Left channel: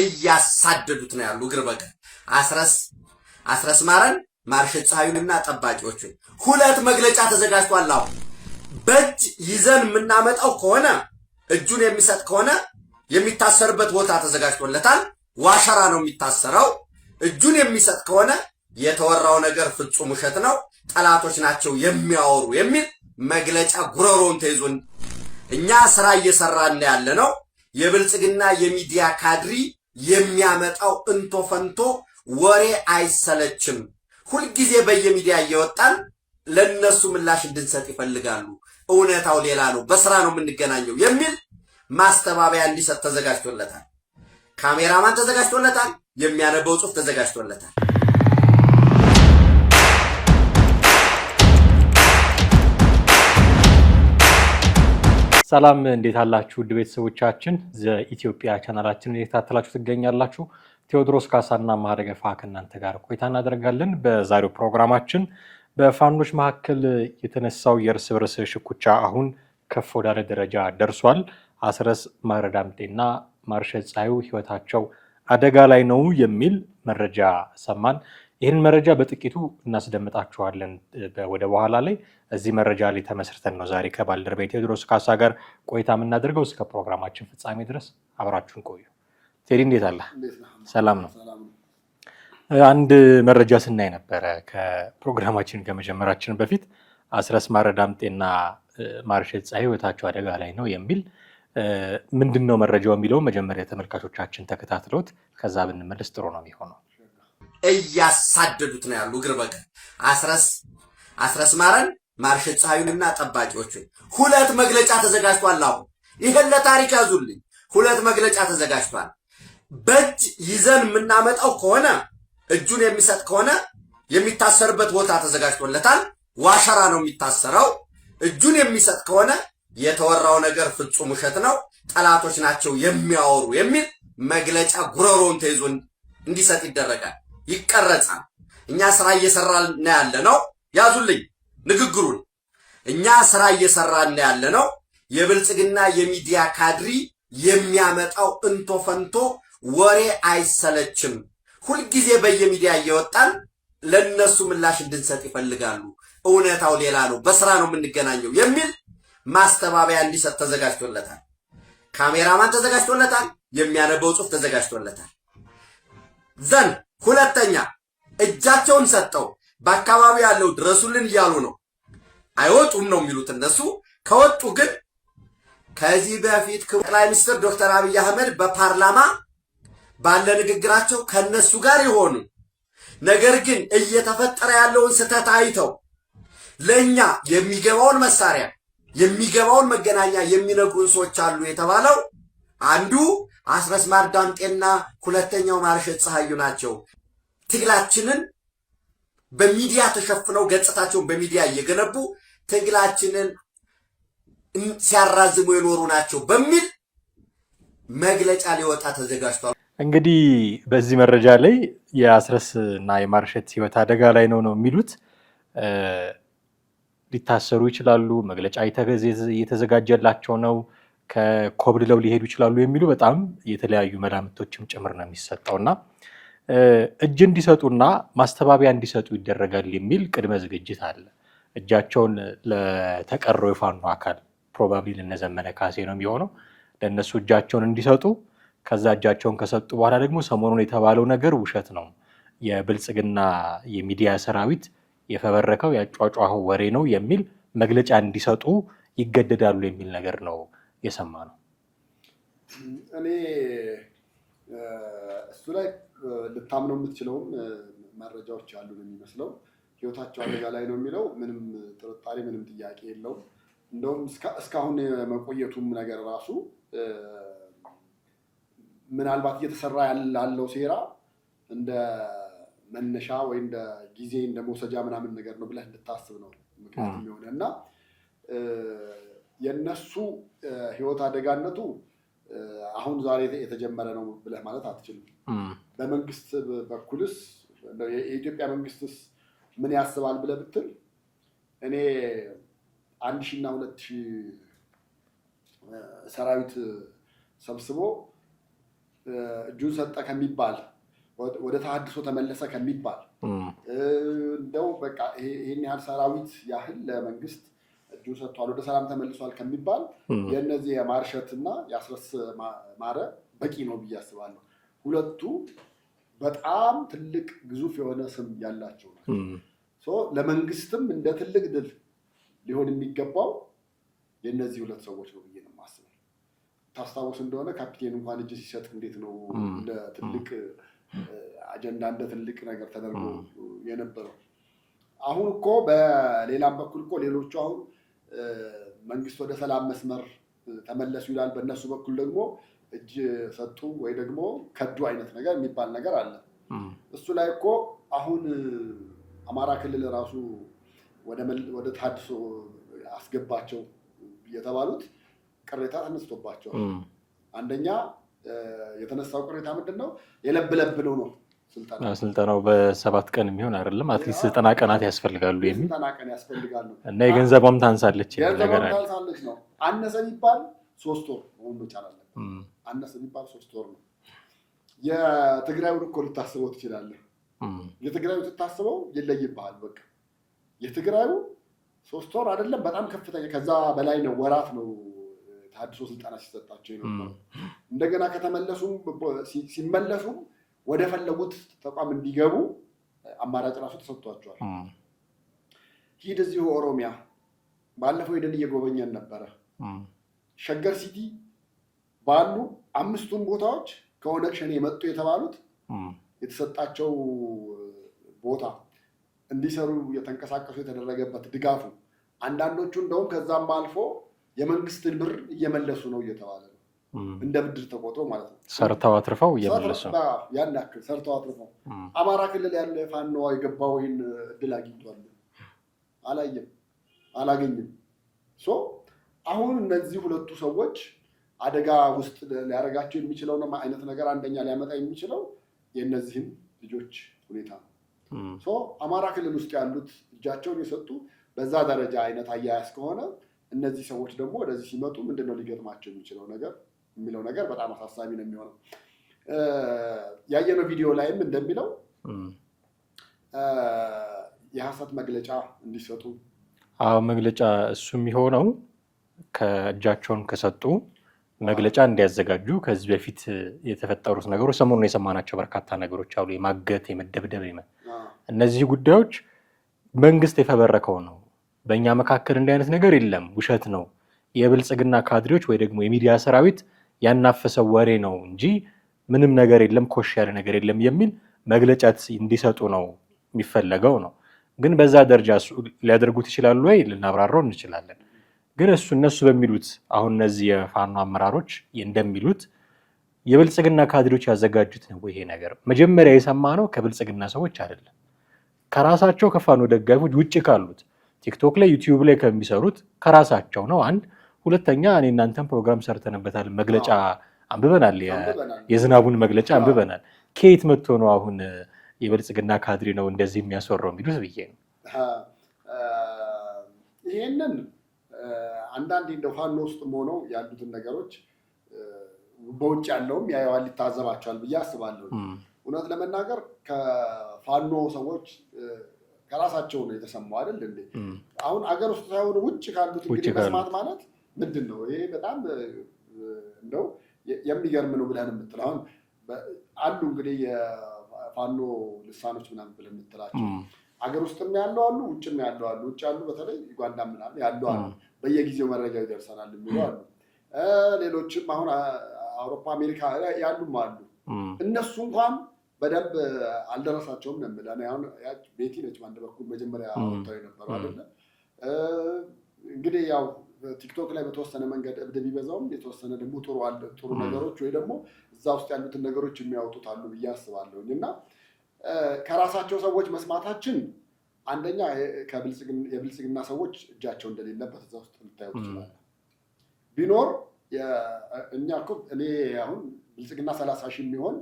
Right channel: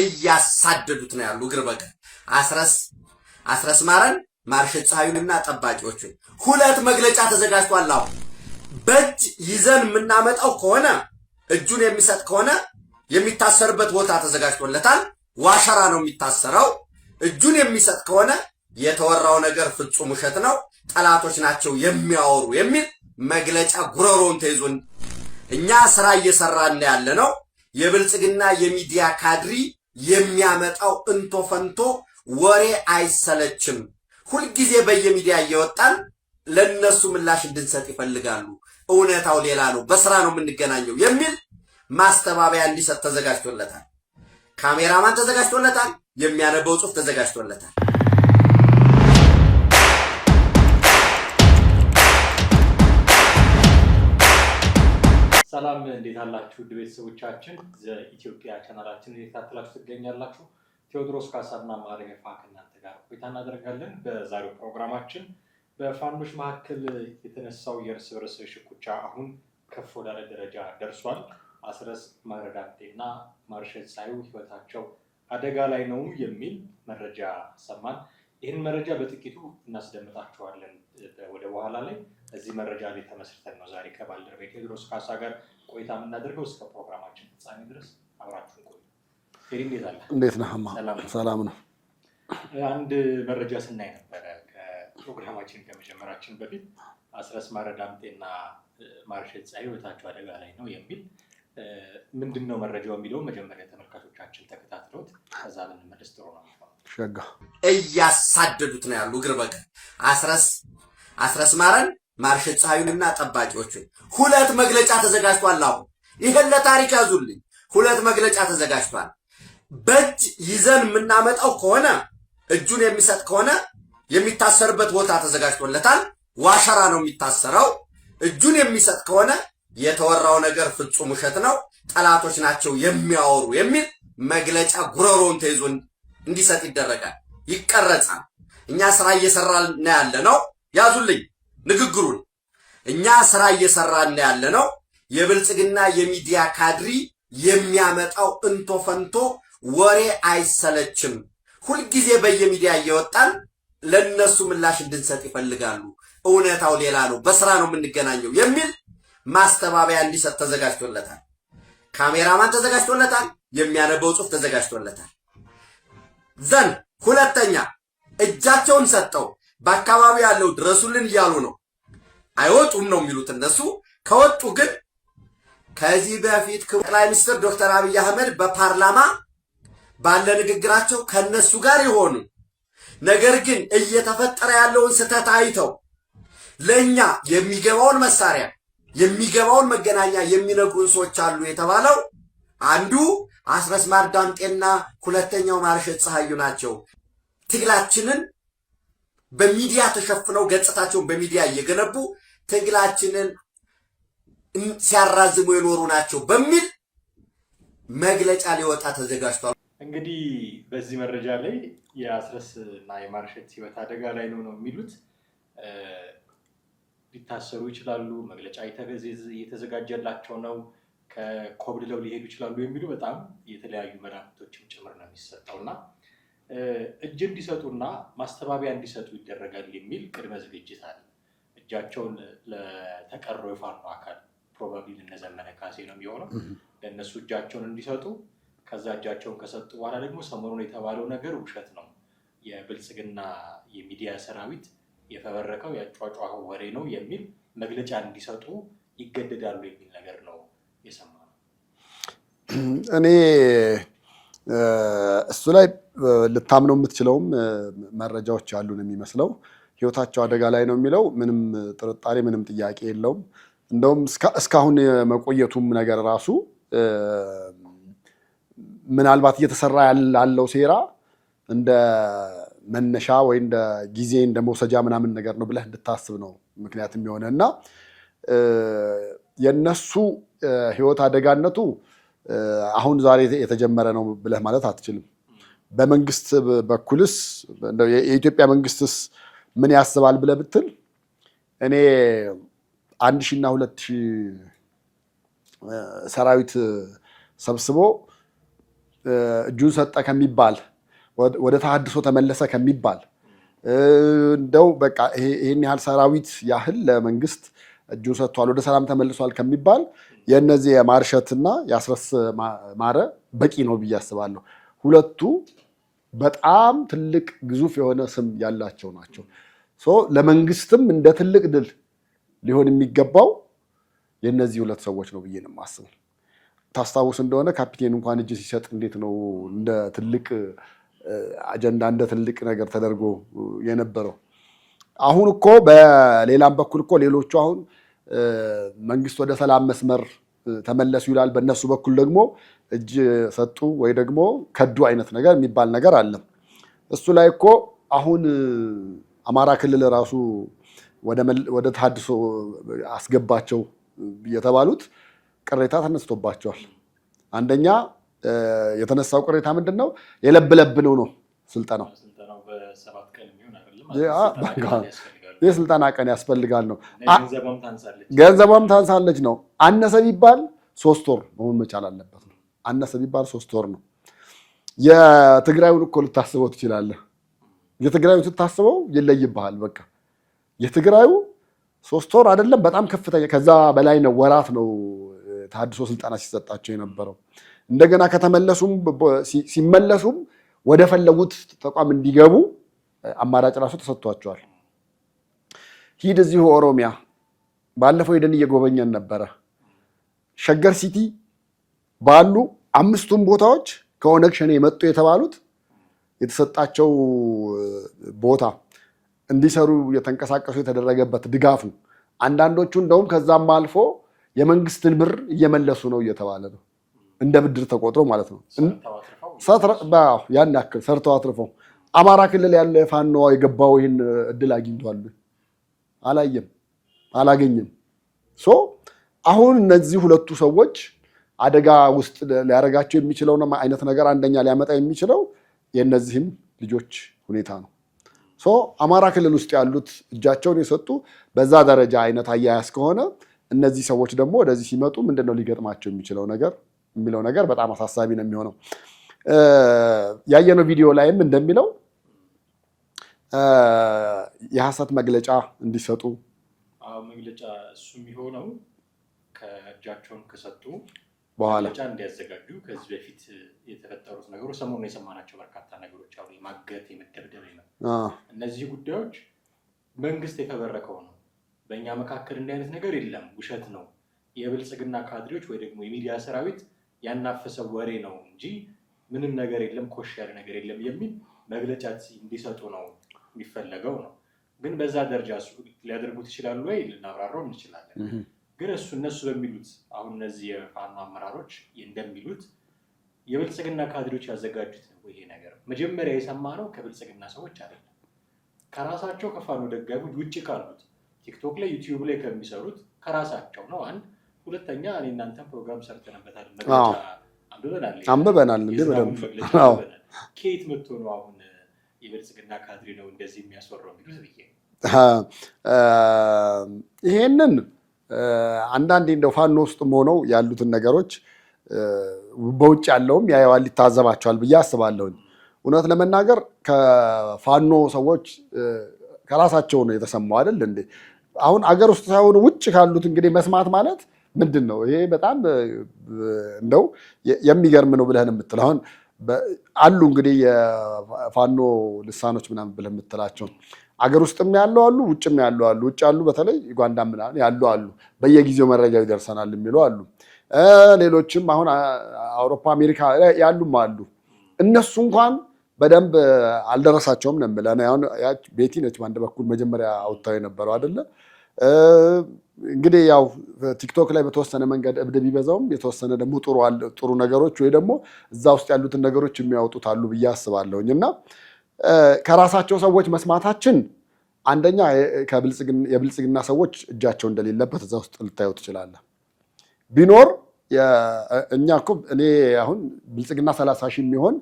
እያሳደዱት ነው ያሉ እግር በቀል አስረስ ማረን ማርሸት ፀሐዩንና ጠባቂዎቹን ሁለት መግለጫ ተዘጋጅቷል። አሁን በእጅ ይዘን የምናመጣው ከሆነ እጁን የሚሰጥ ከሆነ የሚታሰርበት ቦታ ተዘጋጅቶለታል። ዋሸራ ነው የሚታሰረው። እጁን የሚሰጥ ከሆነ የተወራው ነገር ፍጹም ውሸት ነው፣ ጠላቶች ናቸው የሚያወሩ የሚል መግለጫ ጉሮሮን ተይዞን እኛ ስራ እየሰራን ያለ ነው። የብልጽግና የሚዲያ ካድሪ የሚያመጣው እንቶ ፈንቶ ወሬ አይሰለችም። ሁልጊዜ በየሚዲያ እየወጣን ለነሱ ምላሽ እንድንሰጥ ይፈልጋሉ። እውነታው ሌላ ነው፣ በስራ ነው የምንገናኘው የሚል ማስተባበያ እንዲሰጥ ተዘጋጅቶለታል። ካሜራማን ተዘጋጅቶለታል። የሚያነበው ጽሑፍ ተዘጋጅቶለታል። ሰላም እንዴት አላችሁ? ውድ ቤተሰቦቻችን ዘኢትዮጵያ ቻናላችንን እየተከታተላችሁ ትገኛላችሁ። ቴዎድሮስ ካሳና ማረገፋ ከእናንተ ጋር ቆይታ እናደርጋለን። በዛሬው ፕሮግራማችን በፋኖች መካከል የተነሳው የእርስ በርስ ሽኩቻ አሁን ከፍ ወዳለ ደረጃ ደርሷል። አስረስ ማረዳምጤና ማርሸት ፀሐዩ ህይወታቸው አደጋ ላይ ነው የሚል መረጃ ሰማን። ይህን መረጃ በጥቂቱ እናስደምጣችኋለን ወደ በኋላ ላይ። እዚህ መረጃ ላይ ተመስርተን ነው ዛሬ ከባልደረባዬ ቴዎድሮስ ካሳ ጋር ቆይታ የምናደርገው። እስከ ፕሮግራማችን ፍጻሜ ድረስ አብራችሁን ቆዩ። ቴዲ እንዴት አለ? እንዴት ነህ? ሰላም ነው። ሰላም ነው። አንድ መረጃ ስናይ ነበረ ከፕሮግራማችን ከመጀመራችን በፊት አስረስ ማረዳምጤና ማርሸት ፀሐዩ ህይወታቸው አደጋ ላይ ነው የሚል ምንድነው መረጃው የሚለው መጀመሪያ ተመልካቾቻችን ተከታትሎት ከዛ ብንመለስ ጥሩ ነው የሚሆነው። ሸጋ እያሳደዱት ነው ያሉ እግር በቀል አስረስ ማረን ማርሸት ፀሐዩንና ጠባቂዎቹን ሁለት መግለጫ ተዘጋጅቷል። አሁን ይሄን ለታሪክ ያዙልኝ። ሁለት መግለጫ ተዘጋጅቷል። በእጅ ይዘን የምናመጣው ከሆነ እጁን የሚሰጥ ከሆነ የሚታሰርበት ቦታ ተዘጋጅቶለታል። ዋሸራ ነው የሚታሰረው። እጁን የሚሰጥ ከሆነ የተወራው ነገር ፍጹም ውሸት ነው፣ ጠላቶች ናቸው የሚያወሩ የሚል መግለጫ ጉሮሮን ተይዞ እንዲሰጥ ይደረጋል፣ ይቀረጻል። እኛ ስራ እየሰራን ያለ ነው። ያዙልኝ ንግግሩን። እኛ ስራ እየሰራን ያለ ነው። የብልጽግና የሚዲያ ካድሪ የሚያመጣው እንቶ ፈንቶ ወሬ አይሰለችም። ሁልጊዜ በየሚዲያ እየወጣን ለነሱ ምላሽ እንድንሰጥ ይፈልጋሉ። እውነታው ሌላ ነው፣ በስራ ነው የምንገናኘው የሚል ማስተባበያ እንዲሰጥ ተዘጋጅቶለታል። ካሜራማን ተዘጋጅቶለታል። የሚያነበው ጽሑፍ ተዘጋጅቶለታል። ዘን ሁለተኛ እጃቸውን ሰጠው በአካባቢው ያለው ድረሱልን እያሉ ነው። አይወጡም ነው የሚሉት እነሱ። ከወጡ ግን ከዚህ በፊት ጠቅላይ ሚኒስትር ዶክተር አብይ አህመድ በፓርላማ ባለ ንግግራቸው ከነሱ ጋር ይሆኑ፣ ነገር ግን እየተፈጠረ ያለውን ስህተት አይተው ለኛ የሚገባውን መሳሪያ የሚገባውን መገናኛ የሚነግሩን ሰዎች አሉ የተባለው አንዱ አስረስ ማረዳምጤና ሁለተኛው ማርሸት ፀሐዩ ናቸው። ትግላችንን በሚዲያ ተሸፍነው ገጽታቸውን በሚዲያ እየገነቡ ትግላችንን ሲያራዝሙ የኖሩ ናቸው በሚል መግለጫ ሊወጣ ተዘጋጅቷል። እንግዲህ በዚህ መረጃ ላይ የአስረስ እና የማርሸት ህይወት አደጋ ላይ ነው የሚሉት። ሊታሰሩ ይችላሉ፣ መግለጫ እየተዘጋጀላቸው ነው፣ ከኮብልለው ሊሄዱ ይችላሉ የሚሉ በጣም የተለያዩ መላምቶችም ጭምር ነው የሚሰጠውና እጅ እንዲሰጡና ማስተባበያ እንዲሰጡ ይደረጋል የሚል ቅድመ ዝግጅት አለ። እጃቸውን ለተቀረው የፋኖ አካል ፕሮባብሊ ለነዘመነ ካሴ ነው የሚሆነው፣ ለእነሱ እጃቸውን እንዲሰጡ፣ ከዛ እጃቸውን ከሰጡ በኋላ ደግሞ ሰሞኑን የተባለው ነገር ውሸት ነው፣ የብልጽግና የሚዲያ ሰራዊት የፈበረከው ያጫጫኸው ወሬ ነው የሚል መግለጫ እንዲሰጡ ይገደዳሉ የሚል ነገር ነው የሰማ ነው። እኔ እሱ ላይ ልታምነው የምትችለውም መረጃዎች አሉ ነው የሚመስለው። ህይወታቸው አደጋ ላይ ነው የሚለው ምንም ጥርጣሬ ምንም ጥያቄ የለውም። እንደውም እስካሁን መቆየቱም ነገር ራሱ ምናልባት እየተሰራ ያለው ሴራ እንደ መነሻ ወይ እንደ ጊዜ እንደ መውሰጃ ምናምን ነገር ነው ብለህ እንድታስብ ነው ምክንያቱም የሆነ እና የነሱ ህይወት አደጋነቱ አሁን ዛሬ የተጀመረ ነው ብለህ ማለት አትችልም። በመንግስት በኩልስ የኢትዮጵያ መንግስትስ ምን ያስባል ብለህ ብትል እኔ 1000 እና 2000 ሰራዊት ሰብስቦ እጁን ሰጠ ከሚባል ወደ ተሐድሶ ተመለሰ ከሚባል እንደው በቃ ይሄን ያህል ሰራዊት ያህል ለመንግስት እጁን ሰጥቷል ወደ ሰላም ተመልሷል ከሚባል የነዚህ የማርሸትና የአስረስ ማረ በቂ ነው ብዬ አስባለሁ። ሁለቱ በጣም ትልቅ ግዙፍ የሆነ ስም ያላቸው ናቸው። ለመንግስትም እንደ ትልቅ ድል ሊሆን የሚገባው የነዚህ ሁለት ሰዎች ነው ብዬ ነው የማስበው። ታስታውስ እንደሆነ ካፒቴን እንኳን እጅ ሲሰጥ እንዴት ነው እንደ ትልቅ አጀንዳ እንደ ትልቅ ነገር ተደርጎ የነበረው። አሁን እኮ በሌላም በኩል እኮ ሌሎቹ አሁን መንግስት ወደ ሰላም መስመር ተመለሱ ይላል፣ በእነሱ በኩል ደግሞ እጅ ሰጡ ወይ ደግሞ ከዱ አይነት ነገር የሚባል ነገር አለ። እሱ ላይ እኮ አሁን አማራ ክልል ራሱ ወደ ተሐድሶ አስገባቸው የተባሉት ቅሬታ ተነስቶባቸዋል። አንደኛ የተነሳው ቅሬታ ምንድነው? የለብለብ ነው ስልጠናው በ7 ቀን የሚሆን አይደለም። አትሊስት 90 ቀናት ያስፈልጋሉ። የስልጠና ቀን ያስፈልጋል ነው እና የገንዘቧም ታንሳለች ነው። አነሰ ቢባል 3 ወር መሆን መቻል አለበት። አነሰ ቢባል 3 ወር ነው። የትግራዩን እኮ ልታስበው ትችላለህ። የትግራዩ ስታስበው ይለይብሃል። በቃ የትግራዩ 3 ወር አይደለም፣ በጣም ከፍተኛ ከዛ በላይ ነው። ወራት ነው ተሐድሶ ስልጠና ሲሰጣቸው የነበረው። እንደገና ከተመለሱም ሲመለሱም ወደ ፈለጉት ተቋም እንዲገቡ አማራጭ ራሱ ተሰጥቷቸዋል። ሂድ እዚሁ ኦሮሚያ ባለፈው ሄደን እየጎበኘን ነበረ። ሸገር ሲቲ ባሉ 5ቱም ቦታዎች ከኦነግ ሸኔ የመጡ የተባሉት የተሰጣቸው ቦታ እንዲሰሩ የተንቀሳቀሱ የተደረገበት ድጋፉ፣ አንዳንዶቹ እንደውም ከዛም አልፎ የመንግስትን ብር እየመለሱ ነው እየተባለ ነው። እንደ ብድር ተቆጥሮ ማለት ነው። ሰርተው አትርፈው ያን ያክል ሰርተው አትርፈው። አማራ ክልል ያለ ፋኖ የገባው ይህን እድል አግኝቷል? አላገኝም። አሁን እነዚህ ሁለቱ ሰዎች አደጋ ውስጥ ሊያደርጋቸው የሚችለው አይነት ነገር አንደኛ ሊያመጣ የሚችለው የእነዚህም ልጆች ሁኔታ ነው። አማራ ክልል ውስጥ ያሉት እጃቸውን የሰጡ በዛ ደረጃ አይነት አያያዝ ከሆነ እነዚህ ሰዎች ደግሞ ወደዚህ ሲመጡ ምንድነው ሊገጥማቸው የሚለው ነገር በጣም አሳሳቢ ነው የሚሆነው። ያየነው ቪዲዮ ላይም እንደሚለው የሐሰት መግለጫ እንዲሰጡ መግለጫ እሱ የሚሆነው ከእጃቸውን ከሰጡ መግለጫ እንዲያዘጋጁ ከዚህ በፊት የተፈጠሩት ነገሮች ሰሞኑን የሰማናቸው በርካታ ነገሮች አሉ። የማገት፣ የመደብደብ እነዚህ ጉዳዮች መንግስት የፈበረከው ነው። በእኛ መካከል እንዲህ አይነት ነገር የለም፣ ውሸት ነው፣ የብልጽግና ካድሬዎች ወይ ደግሞ የሚዲያ ሰራዊት ያናፈሰው ወሬ ነው እንጂ ምንም ነገር የለም፣ ኮሽ ያለ ነገር የለም የሚል መግለጫ እንዲሰጡ ነው የሚፈለገው ነው። ግን በዛ ደረጃ ሊያደርጉት ይችላሉ ወይ ልናብራራው እንችላለን። ግን እነሱ በሚሉት አሁን እነዚህ የፋኖ አመራሮች እንደሚሉት የብልጽግና ካድሬዎች ያዘጋጁት ነው ይሄ ነገር። መጀመሪያ የሰማነው ከብልጽግና ሰዎች አይደለም፣ ከራሳቸው ከፋኖ ደጋፊዎች ውጭ ካሉት ቲክቶክ ላይ ዩቲዩብ ላይ ከሚሰሩት ከራሳቸው ነው። አንድ ሁለተኛ እኔ እናንተም ፕሮግራም ሰርተንበታል፣ መግለጫ አንብበናል፣ የዝናቡን መግለጫ አንብበናል። ከየት መጥቶ ነው አሁን የብልጽግና ካድሬ ነው እንደዚህ የሚያስወራው የሚሉት ብዬ ነው። ይሄንን አንዳንዴ እንደው ፋኖ ውስጥም ሆነው ያሉትን ነገሮች በውጭ ያለውም ያየዋል፣ ይታዘባቸዋል ብዬ አስባለሁ። እውነት ለመናገር ከፋኖ ሰዎች ከራሳቸው ነው የተሰማው አይደል እንዴ? አሁን አገር ውስጥ ሳይሆን ውጭ ካሉት እንግዲህ መስማት ማለት ምንድን ነው? ይሄ በጣም እንደው የሚገርም ነው ብለህ የምትለው አሁን አሉ እንግዲህ የፋኖ ልሳኖች ምናምን ብለህ የምትላቸው አገር ውስጥም ያለው አሉ፣ ውጭም ያለው አሉ። ውጭ ያሉ በተለይ ዩጋንዳ ምናምን ያሉ አሉ፣ በየጊዜው መረጃው ይደርሰናል የሚሉ አሉ። ሌሎችም አሁን አውሮፓ አሜሪካ ያሉም አሉ። እነሱ እንኳን በደንብ አልደረሳቸውም ነው የምልህ። አሁን ቤቲ ነች በአንድ በኩል መጀመሪያ አውጥታው የነበረው አይደለ? እንግዲህ ያው ቲክቶክ ላይ በተወሰነ መንገድ እብድ ቢበዛውም የተወሰነ ደግሞ ጥሩ ነገሮች ወይ ደግሞ እዛ ውስጥ ያሉትን ነገሮች የሚያወጡት አሉ ብዬ አስባለሁኝ። እና ከራሳቸው ሰዎች መስማታችን አንደኛ የብልጽግና ሰዎች እጃቸው እንደሌለበት እዛ ውስጥ ልታየው ትችላለህ። ቢኖር እኛ እኮ እኔ አሁን ብልጽግና 30 ሺህ የሚሆን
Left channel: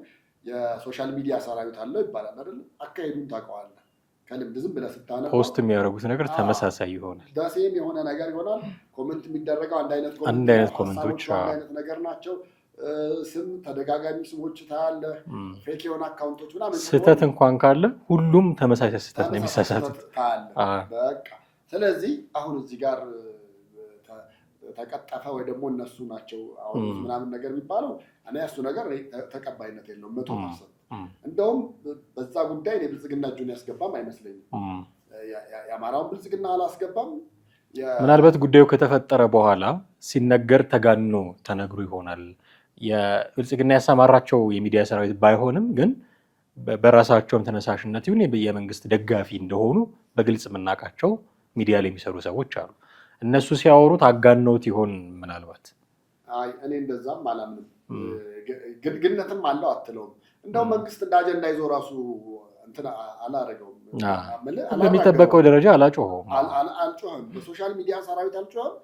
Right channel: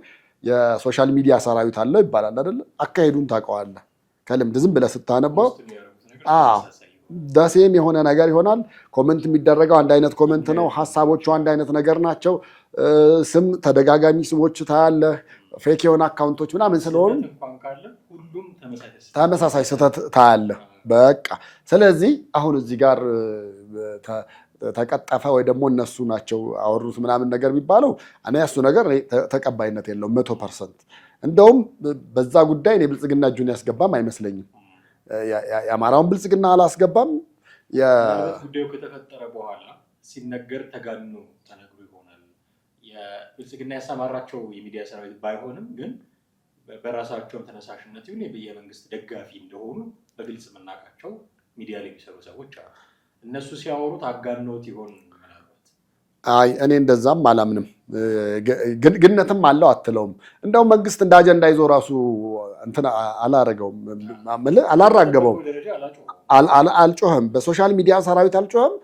የሶሻል ሚዲያ ሰራዊት አለው ይባላል አይደለ? አካሄዱን ታውቀዋለህ ከልምድ ዝም ብለህ ስታነበው ፖስት የሚያደርጉት ነገር ተመሳሳይ ይሆናል፣ ደሴም የሆነ ነገር ይሆናል። ኮመንት የሚደረገው አንድ አይነት ኮመንት ነው። ሀሳቦቹ አንድ አይነት ነገር ናቸው። ስም ተደጋጋሚ ስሞች ታያለህ፣ ፌክ የሆነ አካውንቶች ምናምን ስለሆነ ስህተት እንኳን ካለ ሁሉም ተመሳሳይ ስህተት ታያለህ። በቃ ስለዚህ አሁን እዚህ ጋር ተቀጠፈ ወይ ደግሞ እነሱ ናቸው አወሩት ምናምን ነገር የሚባለው እኔ እሱ ነገር ተቀባይነት የለውም 100%። እንደውም በዛ ጉዳይ እኔ ብልጽግና እጁን ያስገባም አይመስለኝም። የአማራውን ብልጽግና አላስገባም። ምናልባት ጉዳዩ ከተፈጠረ በኋላ ሲነገር ተጋኖ ተነግሮ ይሆናል። የብልጽግና ያሰማራቸው የሚዲያ ሰራዊት ባይሆንም ግን በራሳቸውም ተነሳሽነት ይሁን የመንግስት ደጋፊ እንደሆኑ በግልጽ የምናውቃቸው ሚዲያ ላይ የሚሰሩ ሰዎች አሉ። እነሱ ሲያወሩት አጋነውት ይሆን ምናልባት? አይ እኔ እንደዛም አላምንም። ግንነትም አለው አትለውም። እንደውም መንግስት እንደ አጀንዳ ይዞ ራሱ እንትን አላረገውም፣ አላራገበው ደረጃ አልጮህም። በሶሻል ሚዲያ ሰራዊት አልጮህም።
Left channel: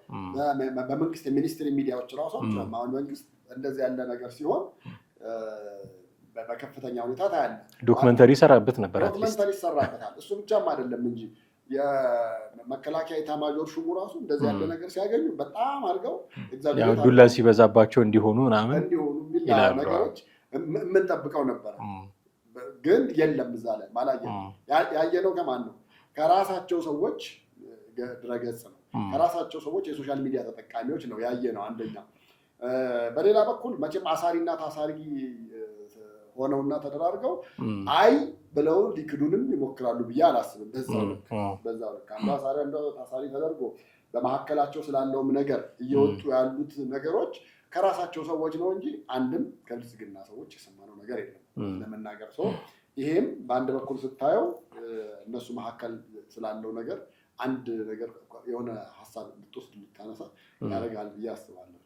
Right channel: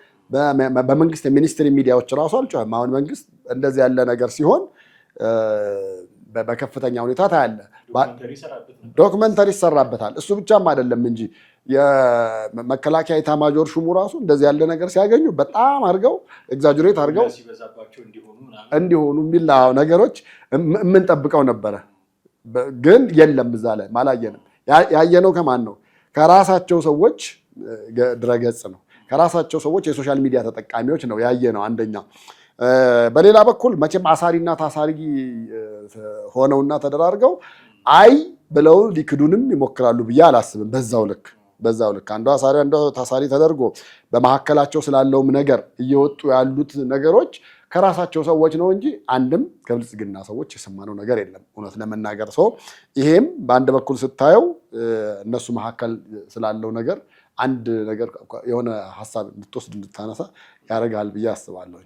በመንግስት የሚኒስትሪ ሚዲያዎች ራሱ አልጮህም። አሁን መንግስት እንደዚህ ያለ ነገር ሲሆን በከፍተኛ ሁኔታ ታያለ። ዶክመንተሪ ይሰራበት ነበር። ዶክመንተሪ ይሰራበታል። እሱ ብቻም አይደለም እንጂ የመከላከያ ኤታማዦር ሹሙ ራሱ እንደዚህ ያለ ነገር ሲያገኙ በጣም አድርገው ኤግዛጀሬት አድርገው ሲበዛባቸው እንዲሆኑ የሚል ነገሮች የምንጠብቀው ነበረ። ግን የለም እዛ ላይ ማላየነው። ያየነው ከማን ነው? ከራሳቸው ሰዎች ድረገጽ ነው። ከራሳቸው ሰዎች የሶሻል ሚዲያ ተጠቃሚዎች ነው ያየነው አንደኛ። በሌላ በኩል መቼም አሳሪና ታሳሪ ሆነውና ተደራርገው አይ ብለው ሊክዱንም ይሞክራሉ ብዬ አላስብም። በዛው ልክ አንዱ አሳሪ አንዱ ታሳሪ ተደርጎ በመካከላቸው ስላለውም ነገር እየወጡ ያሉት ነገሮች ከራሳቸው ሰዎች ነው እንጂ አንድም ከብልጽግና ሰዎች የሰማነው ነገር የለም እውነት ለመናገር ሰው። ይሄም በአንድ በኩል ስታየው እነሱ መካከል ስላለው ነገር አንድ ነገር የሆነ ሀሳብ እንድትወስድ እንድታነሳ ያደርጋል ብዬ አስባለሁ።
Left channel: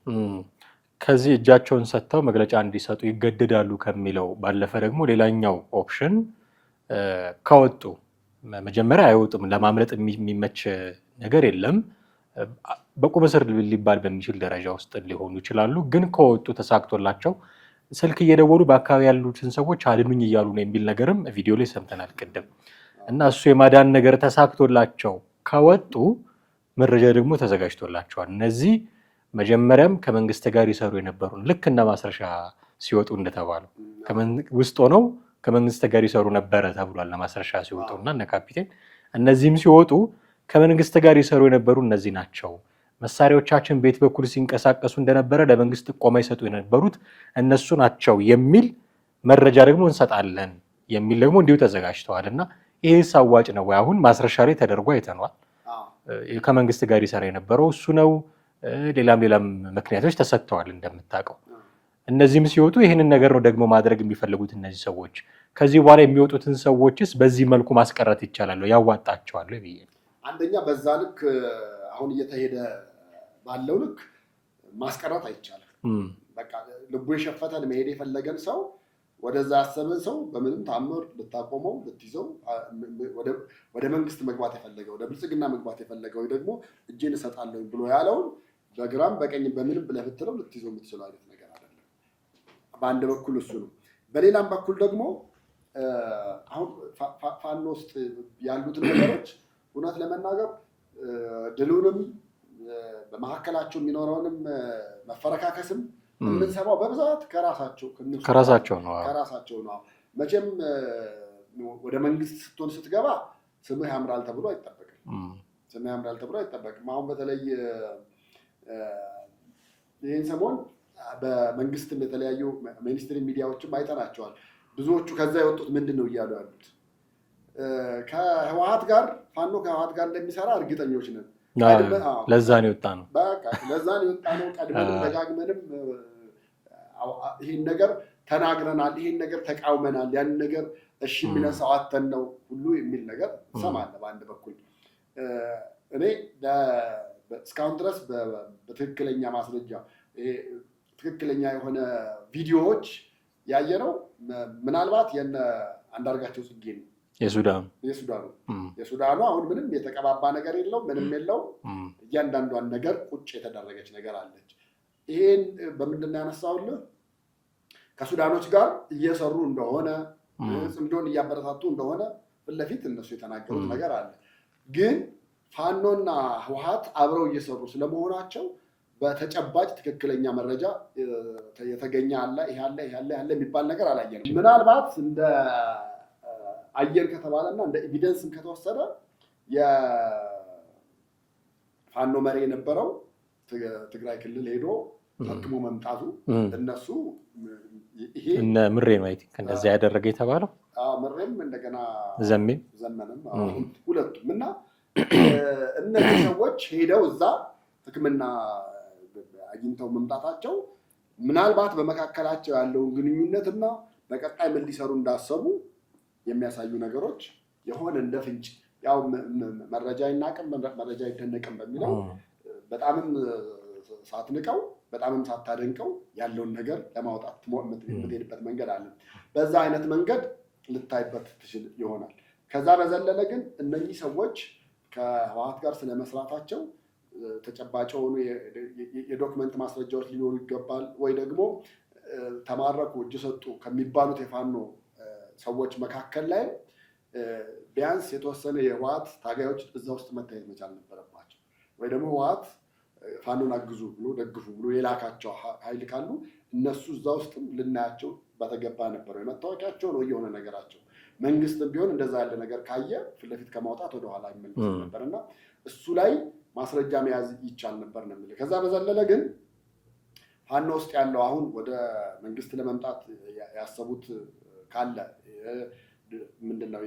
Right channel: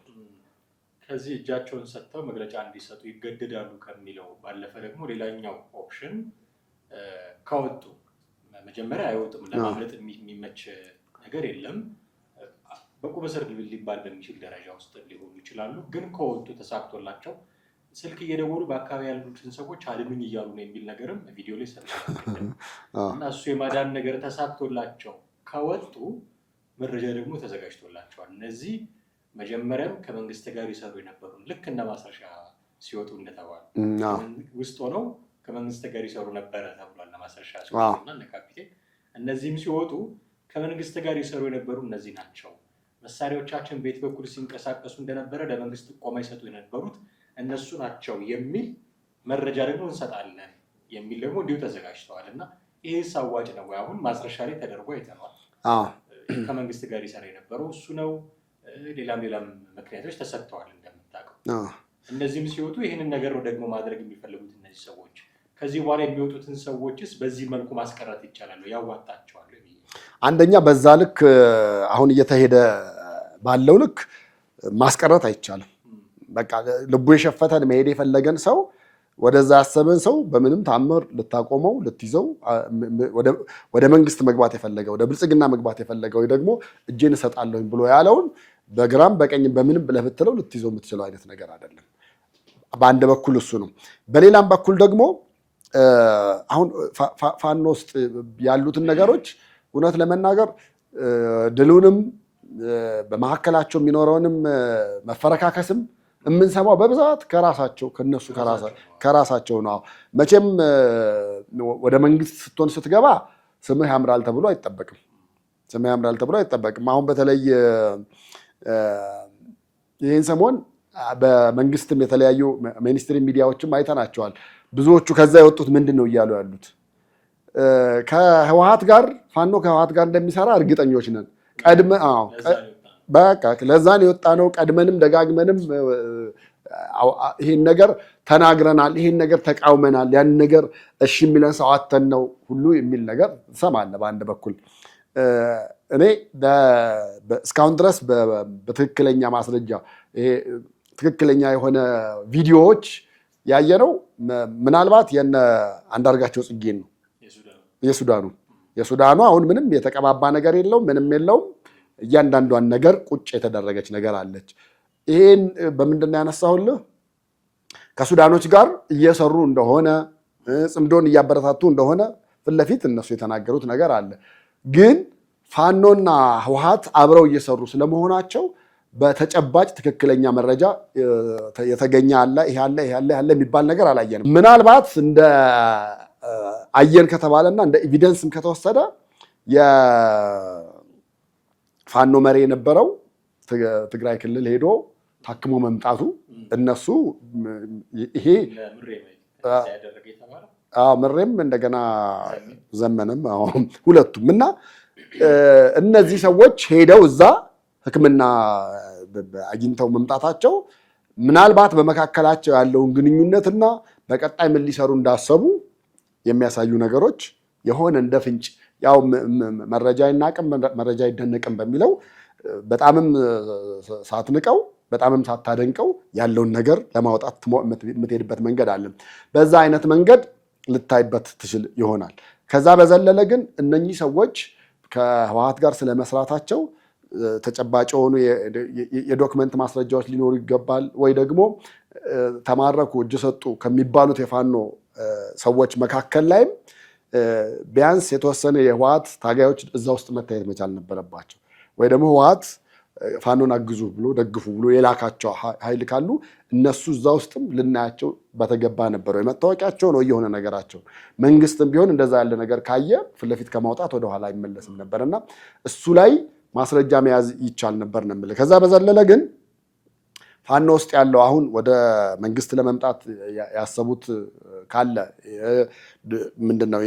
ከዚህ እጃቸውን ሰጥተው መግለጫ እንዲሰጡ ይገደዳሉ ከሚለው ባለፈ ደግሞ ሌላኛው ኦፕሽን ከወጡ መጀመሪያ አይወጡም፣ ለማምለጥ የሚመች ነገር የለም፣ በቁም እስር ሊባል በሚችል ደረጃ ውስጥ ሊሆኑ ይችላሉ። ግን ከወጡ ተሳክቶላቸው ስልክ እየደወሉ በአካባቢ ያሉትን ሰዎች አድኑኝ እያሉ ነው የሚል ነገርም ቪዲዮ ላይ ሰምተናል ቅድም። እና እሱ የማዳን ነገር ተሳክቶላቸው ከወጡ መረጃ ደግሞ ተዘጋጅቶላቸዋል። እነዚህ መጀመሪያም ከመንግስት ጋር ይሰሩ የነበሩ ልክ እና ማስረሻ ሲወጡ እንደተባሉ ውስጥ ሆነው ከመንግስት ጋር ይሰሩ ነበረ ተብሏል። ለማስረሻ ሲወጡና እነ ካፒቴን እነዚህም ሲወጡ ከመንግስት ጋር ይሰሩ የነበሩ እነዚህ ናቸው። መሳሪያዎቻችን ቤት በኩል ሲንቀሳቀሱ እንደነበረ ለመንግስት ጥቆማ ይሰጡ የነበሩት እነሱ ናቸው የሚል መረጃ ደግሞ እንሰጣለን የሚል ደግሞ እንዲሁ ተዘጋጅተዋል። እና ይህ አዋጭ ነው ወይ? አሁን ማስረሻ ላይ ተደርጎ አይተነዋል። ከመንግስት ጋር ይሰራ የነበረው እሱ ነው። ሌላም ምክንያቶች ተሰጥተዋል እንደምታውቀው። እነዚህም ሲወጡ ይህንን ነገር ነው ደግሞ ማድረግ የሚፈልጉት እነዚህ ሰዎች። ከዚህ በኋላ የሚወጡትን ሰዎችስ በዚህ መልኩ ማስቀረት ይቻላል? ያዋጣቸዋል ብዬ አንደኛ በዛ ልክ አሁን እየተሄደ ባለው ልክ ማስቀረት አይቻልም። በቃ ልቡ የሸፈተን መሄድ የፈለገን ሰው ወደዛ ያሰበን ሰው በምንም ታምር ልታቆመው ልትይዘው፣ ወደ መንግስት መግባት የፈለገ ወደ ብልጽግና መግባት የፈለገው ደግሞ እጄን እሰጣለሁ ብሎ ያለውን በግራም በቀኝም በምንም ብለህ ብትለው ልትይዘው የምትችለው አይነት ነገር አይደለም። በአንድ በኩል እሱ ነው። በሌላም በኩል ደግሞ አሁን ፋኖ ውስጥ ያሉትን ነገሮች እውነት ለመናገር ድሉንም በመካከላቸው የሚኖረውንም መፈረካከስም የምንሰማው በብዛት ከራሳቸው ነው። መቼም ወደ መንግስት ስትሆን ስትገባ ስምህ ያምራል ተብሎ አይጠበቅም። አሁን በተለይ ይህን ሰሞን በመንግስትም የተለያዩ ሚኒስትሪ ሚዲያዎችም አይተናቸዋል። ብዙዎቹ ከዛ የወጡት ምንድን ነው እያሉ ያሉት ፋኖ ከህወሓት ጋር እንደሚሰራ እርግጠኞች ነን። ለዛን የወጣ ነው። ቀድመንም ደጋግመንም ይህን ነገር ተናግረናል፣ ይህን ነገር ተቃውመናል፣ ያን ነገር እሺ የሚለን ሰው አተን ነው ሁሉ የሚል ነገር ትሰማለህ። በአንድ በኩል እኔ እስካሁን ድረስ በትክክለኛ ማስረጃ ትክክለኛ የሆነ ቪዲዮዎች ያየነው ምናልባት የነ አንዳርጋቸው ጽጌን ነው። የሱዳኑ አሁን ምንም የተቀባባ ነገር የለውም፣ ምንም የለውም። እያንዳንዷን ነገር ቁጭ የተደረገች ነገር አለች። ይሄን በምንድን ነው ያነሳሁልህ? ከሱዳኖች ጋር እየሰሩ እንደሆነ ጽምዶን እያበረታቱ እንደሆነ ፊት ለፊት እነሱ የተናገሩት ነገር አለ። ግን ፋኖና ህወሓት አብረው እየሰሩ ስለመሆናቸው በተጨባጭ ትክክለኛ መረጃ የተገኘ አለ ይሄ አለ የሚባል ነገር አላየንም። ምናልባት እንደ አየን ከተባለና እንደ ኤቪደንስም ከተወሰደ የፋኖ መሪ የነበረው ትግራይ ክልል ሄዶ ታክሞ መምጣቱ እነሱ ይሄ ምሬ ማለት እንደዚህ ያደረገ የተባለው ምሬም እንደገና ዘመነም ሁለቱም እና እነዚህ ሰዎች ሄደው እዛ ሕክምና አግኝተው መምጣታቸው ምናልባት በመካከላቸው ያለውን ግንኙነትና በቀጣይ ምን ሊሰሩ እንዳሰቡ የሚያሳዩ ነገሮች የሆነ እንደ ፍንጭ ያው መረጃ ይናቅም መረጃ ይደነቅም በሚለው በጣምም ሳትንቀው በጣምም ሳታደንቀው ያለውን ነገር ለማውጣት የምትሄድበት መንገድ አለ። በዛ አይነት መንገድ ልታይበት ትችል ይሆናል። ከዛ በዘለለ ግን እነኚህ ሰዎች ከህወሓት ጋር ስለመስራታቸው ተጨባጭ የሆኑ የዶክመንት ማስረጃዎች ሊኖሩ ይገባል። ወይ ደግሞ ተማረኩ እጅ ሰጡ ከሚባሉት የፋኖ ሰዎች መካከል ላይም ቢያንስ የተወሰነ የህወሓት ታጋዮች እዛ ውስጥ መታየት መቻል ነበረባቸው። ወይ ደግሞ ህወሓት ፋኖን አግዙ ብሎ ደግፉ ብሎ የላካቸው ኃይል ካሉ እነሱ እዛ ውስጥም ልናያቸው በተገባ ነበረው። የመታወቂያቸው ነው የሆነ ነገራቸው። መንግስትም ቢሆን እንደዛ ያለ ነገር ካየ ፊት ለፊት ከማውጣት ወደኋላ አይመለስም ነበርና እሱ ላይ ማስረጃ መያዝ ይቻል ነበር ነው የምልህ። ከዛ በዘለለ ግን ፋኖ ውስጥ ያለው አሁን ወደ መንግስት ለመምጣት ያሰቡት ካለ ምንድነው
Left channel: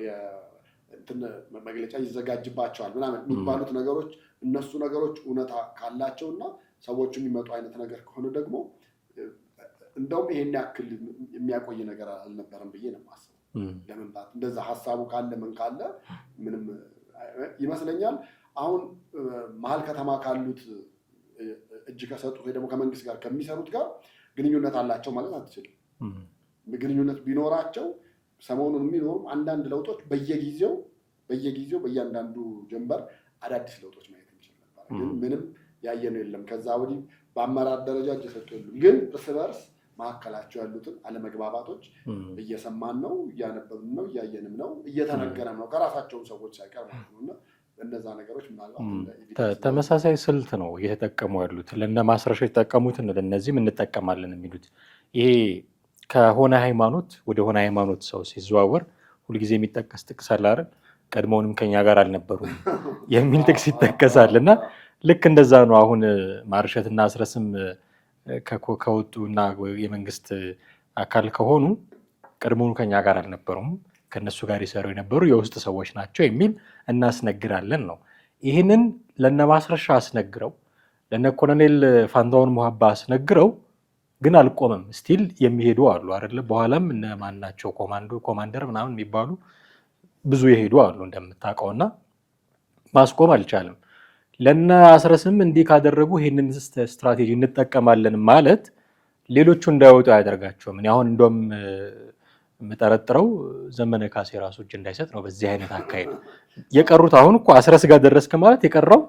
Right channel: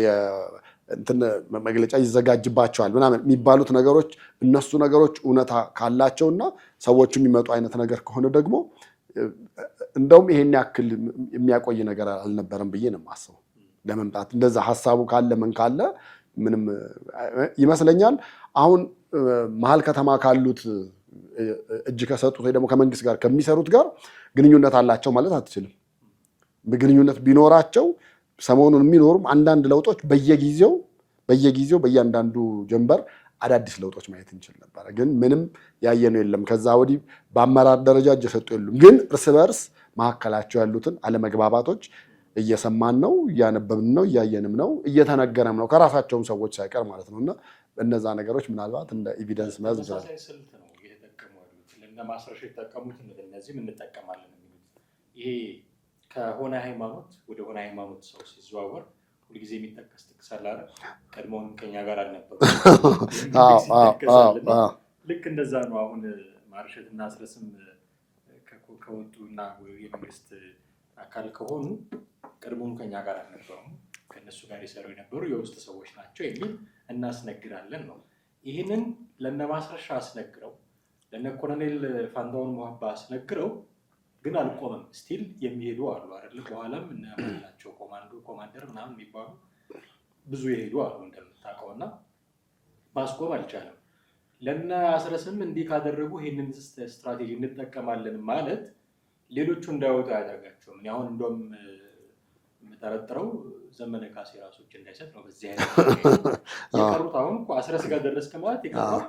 እንትን መግለጫ ይዘጋጅባቸዋል ምናምን የሚባሉት ነገሮች እነሱ ነገሮች እውነታ ካላቸውና ሰዎቹ የሚመጡ አይነት ነገር ከሆነ ደግሞ እንደውም ይሄን ያክል የሚያቆይ ነገር አልነበረም ብዬ ነው የማስበው። ለመምጣት እንደዛ ሐሳቡ ካለ ምን ካለ ምንም ይመስለኛል። አሁን መሀል ከተማ ካሉት እጅ ከሰጡት ወይ ደግሞ ከመንግስት ጋር ከሚሰሩት ጋር ግንኙነት አላቸው ማለት አትችልም። ግንኙነት ቢኖራቸው ሰሞኑን የሚኖሩም አንዳንድ ለውጦች በየጊዜው በእያንዳንዱ ጀንበር አዳዲስ ለውጦች ማየት እንችል ነበር። ግን ምንም ያየነው የለም። ከዛ ወዲህ በአመራር ደረጃ እጅ የሰጡ የሉም። ግን እርስ በርስ መካከላቸው ያሉትን አለመግባባቶች እየሰማን ነው፣ እያነበብን ነው፣ እያየንም ነው፣ እየተነገረም ነው ከራሳቸውም ሰዎች ሳይቀር ማለት ነውና እነዛ ነገሮች ምናልባት እንደ ኤቪደንስ ተመሳሳይ ስልት ነው እየተጠቀሙ ያሉት። ለእነ ማስረሻ የተጠቀሙትን ለእነዚህም እንጠቀማለን የሚሉት ይሄ ከሆነ ሃይማኖት ወደ ሆነ ሃይማኖት ሰው ሲዘዋወር ሁልጊዜ የሚጠቀስ ጥቅስ አለ አይደል? ቀድሞውንም ከኛ ጋር አልነበሩ የሚል ጥቅስ ይጠቀሳል። እና ልክ እንደዛ ነው። አሁን ማርሸትና አስረስም ከወጡና የመንግስት አካል ከሆኑ ቀድሞውኑ ከኛ ጋር አልነበሩም፣ ከነሱ ጋር ይሰሩ የነበሩ የውስጥ ሰዎች ናቸው የሚል እናስነግራለን ነው። ይህንን ለነ ማስረሻ አስነግረው ለነ ኮሎኔል ፋንታሁን ሙሀባ አስነግረው ግን አልቆመም። ስቲል የሚሄዱ አሉ አይደለ? በኋላም እነ ማናቸው ኮማንደር ምናምን የሚባሉ ብዙ የሄዱ አሉ እንደምታውቀውና ማስቆም አልቻለም። ለነ አስረስም እንዲህ ካደረጉ ይህንን ስትራቴጂ እንጠቀማለን ማለት ሌሎቹ እንዳይወጡ አያደርጋቸውም። እኔ አሁን እንደውም የምጠረጥረው ዘመነ ካሴ ራሱ እጅ እንዳይሰጥ ነው በዚህ አይነት አካሄድ። የቀሩት አሁን እኮ አስረስ ጋር ደረስክ ማለት የቀረው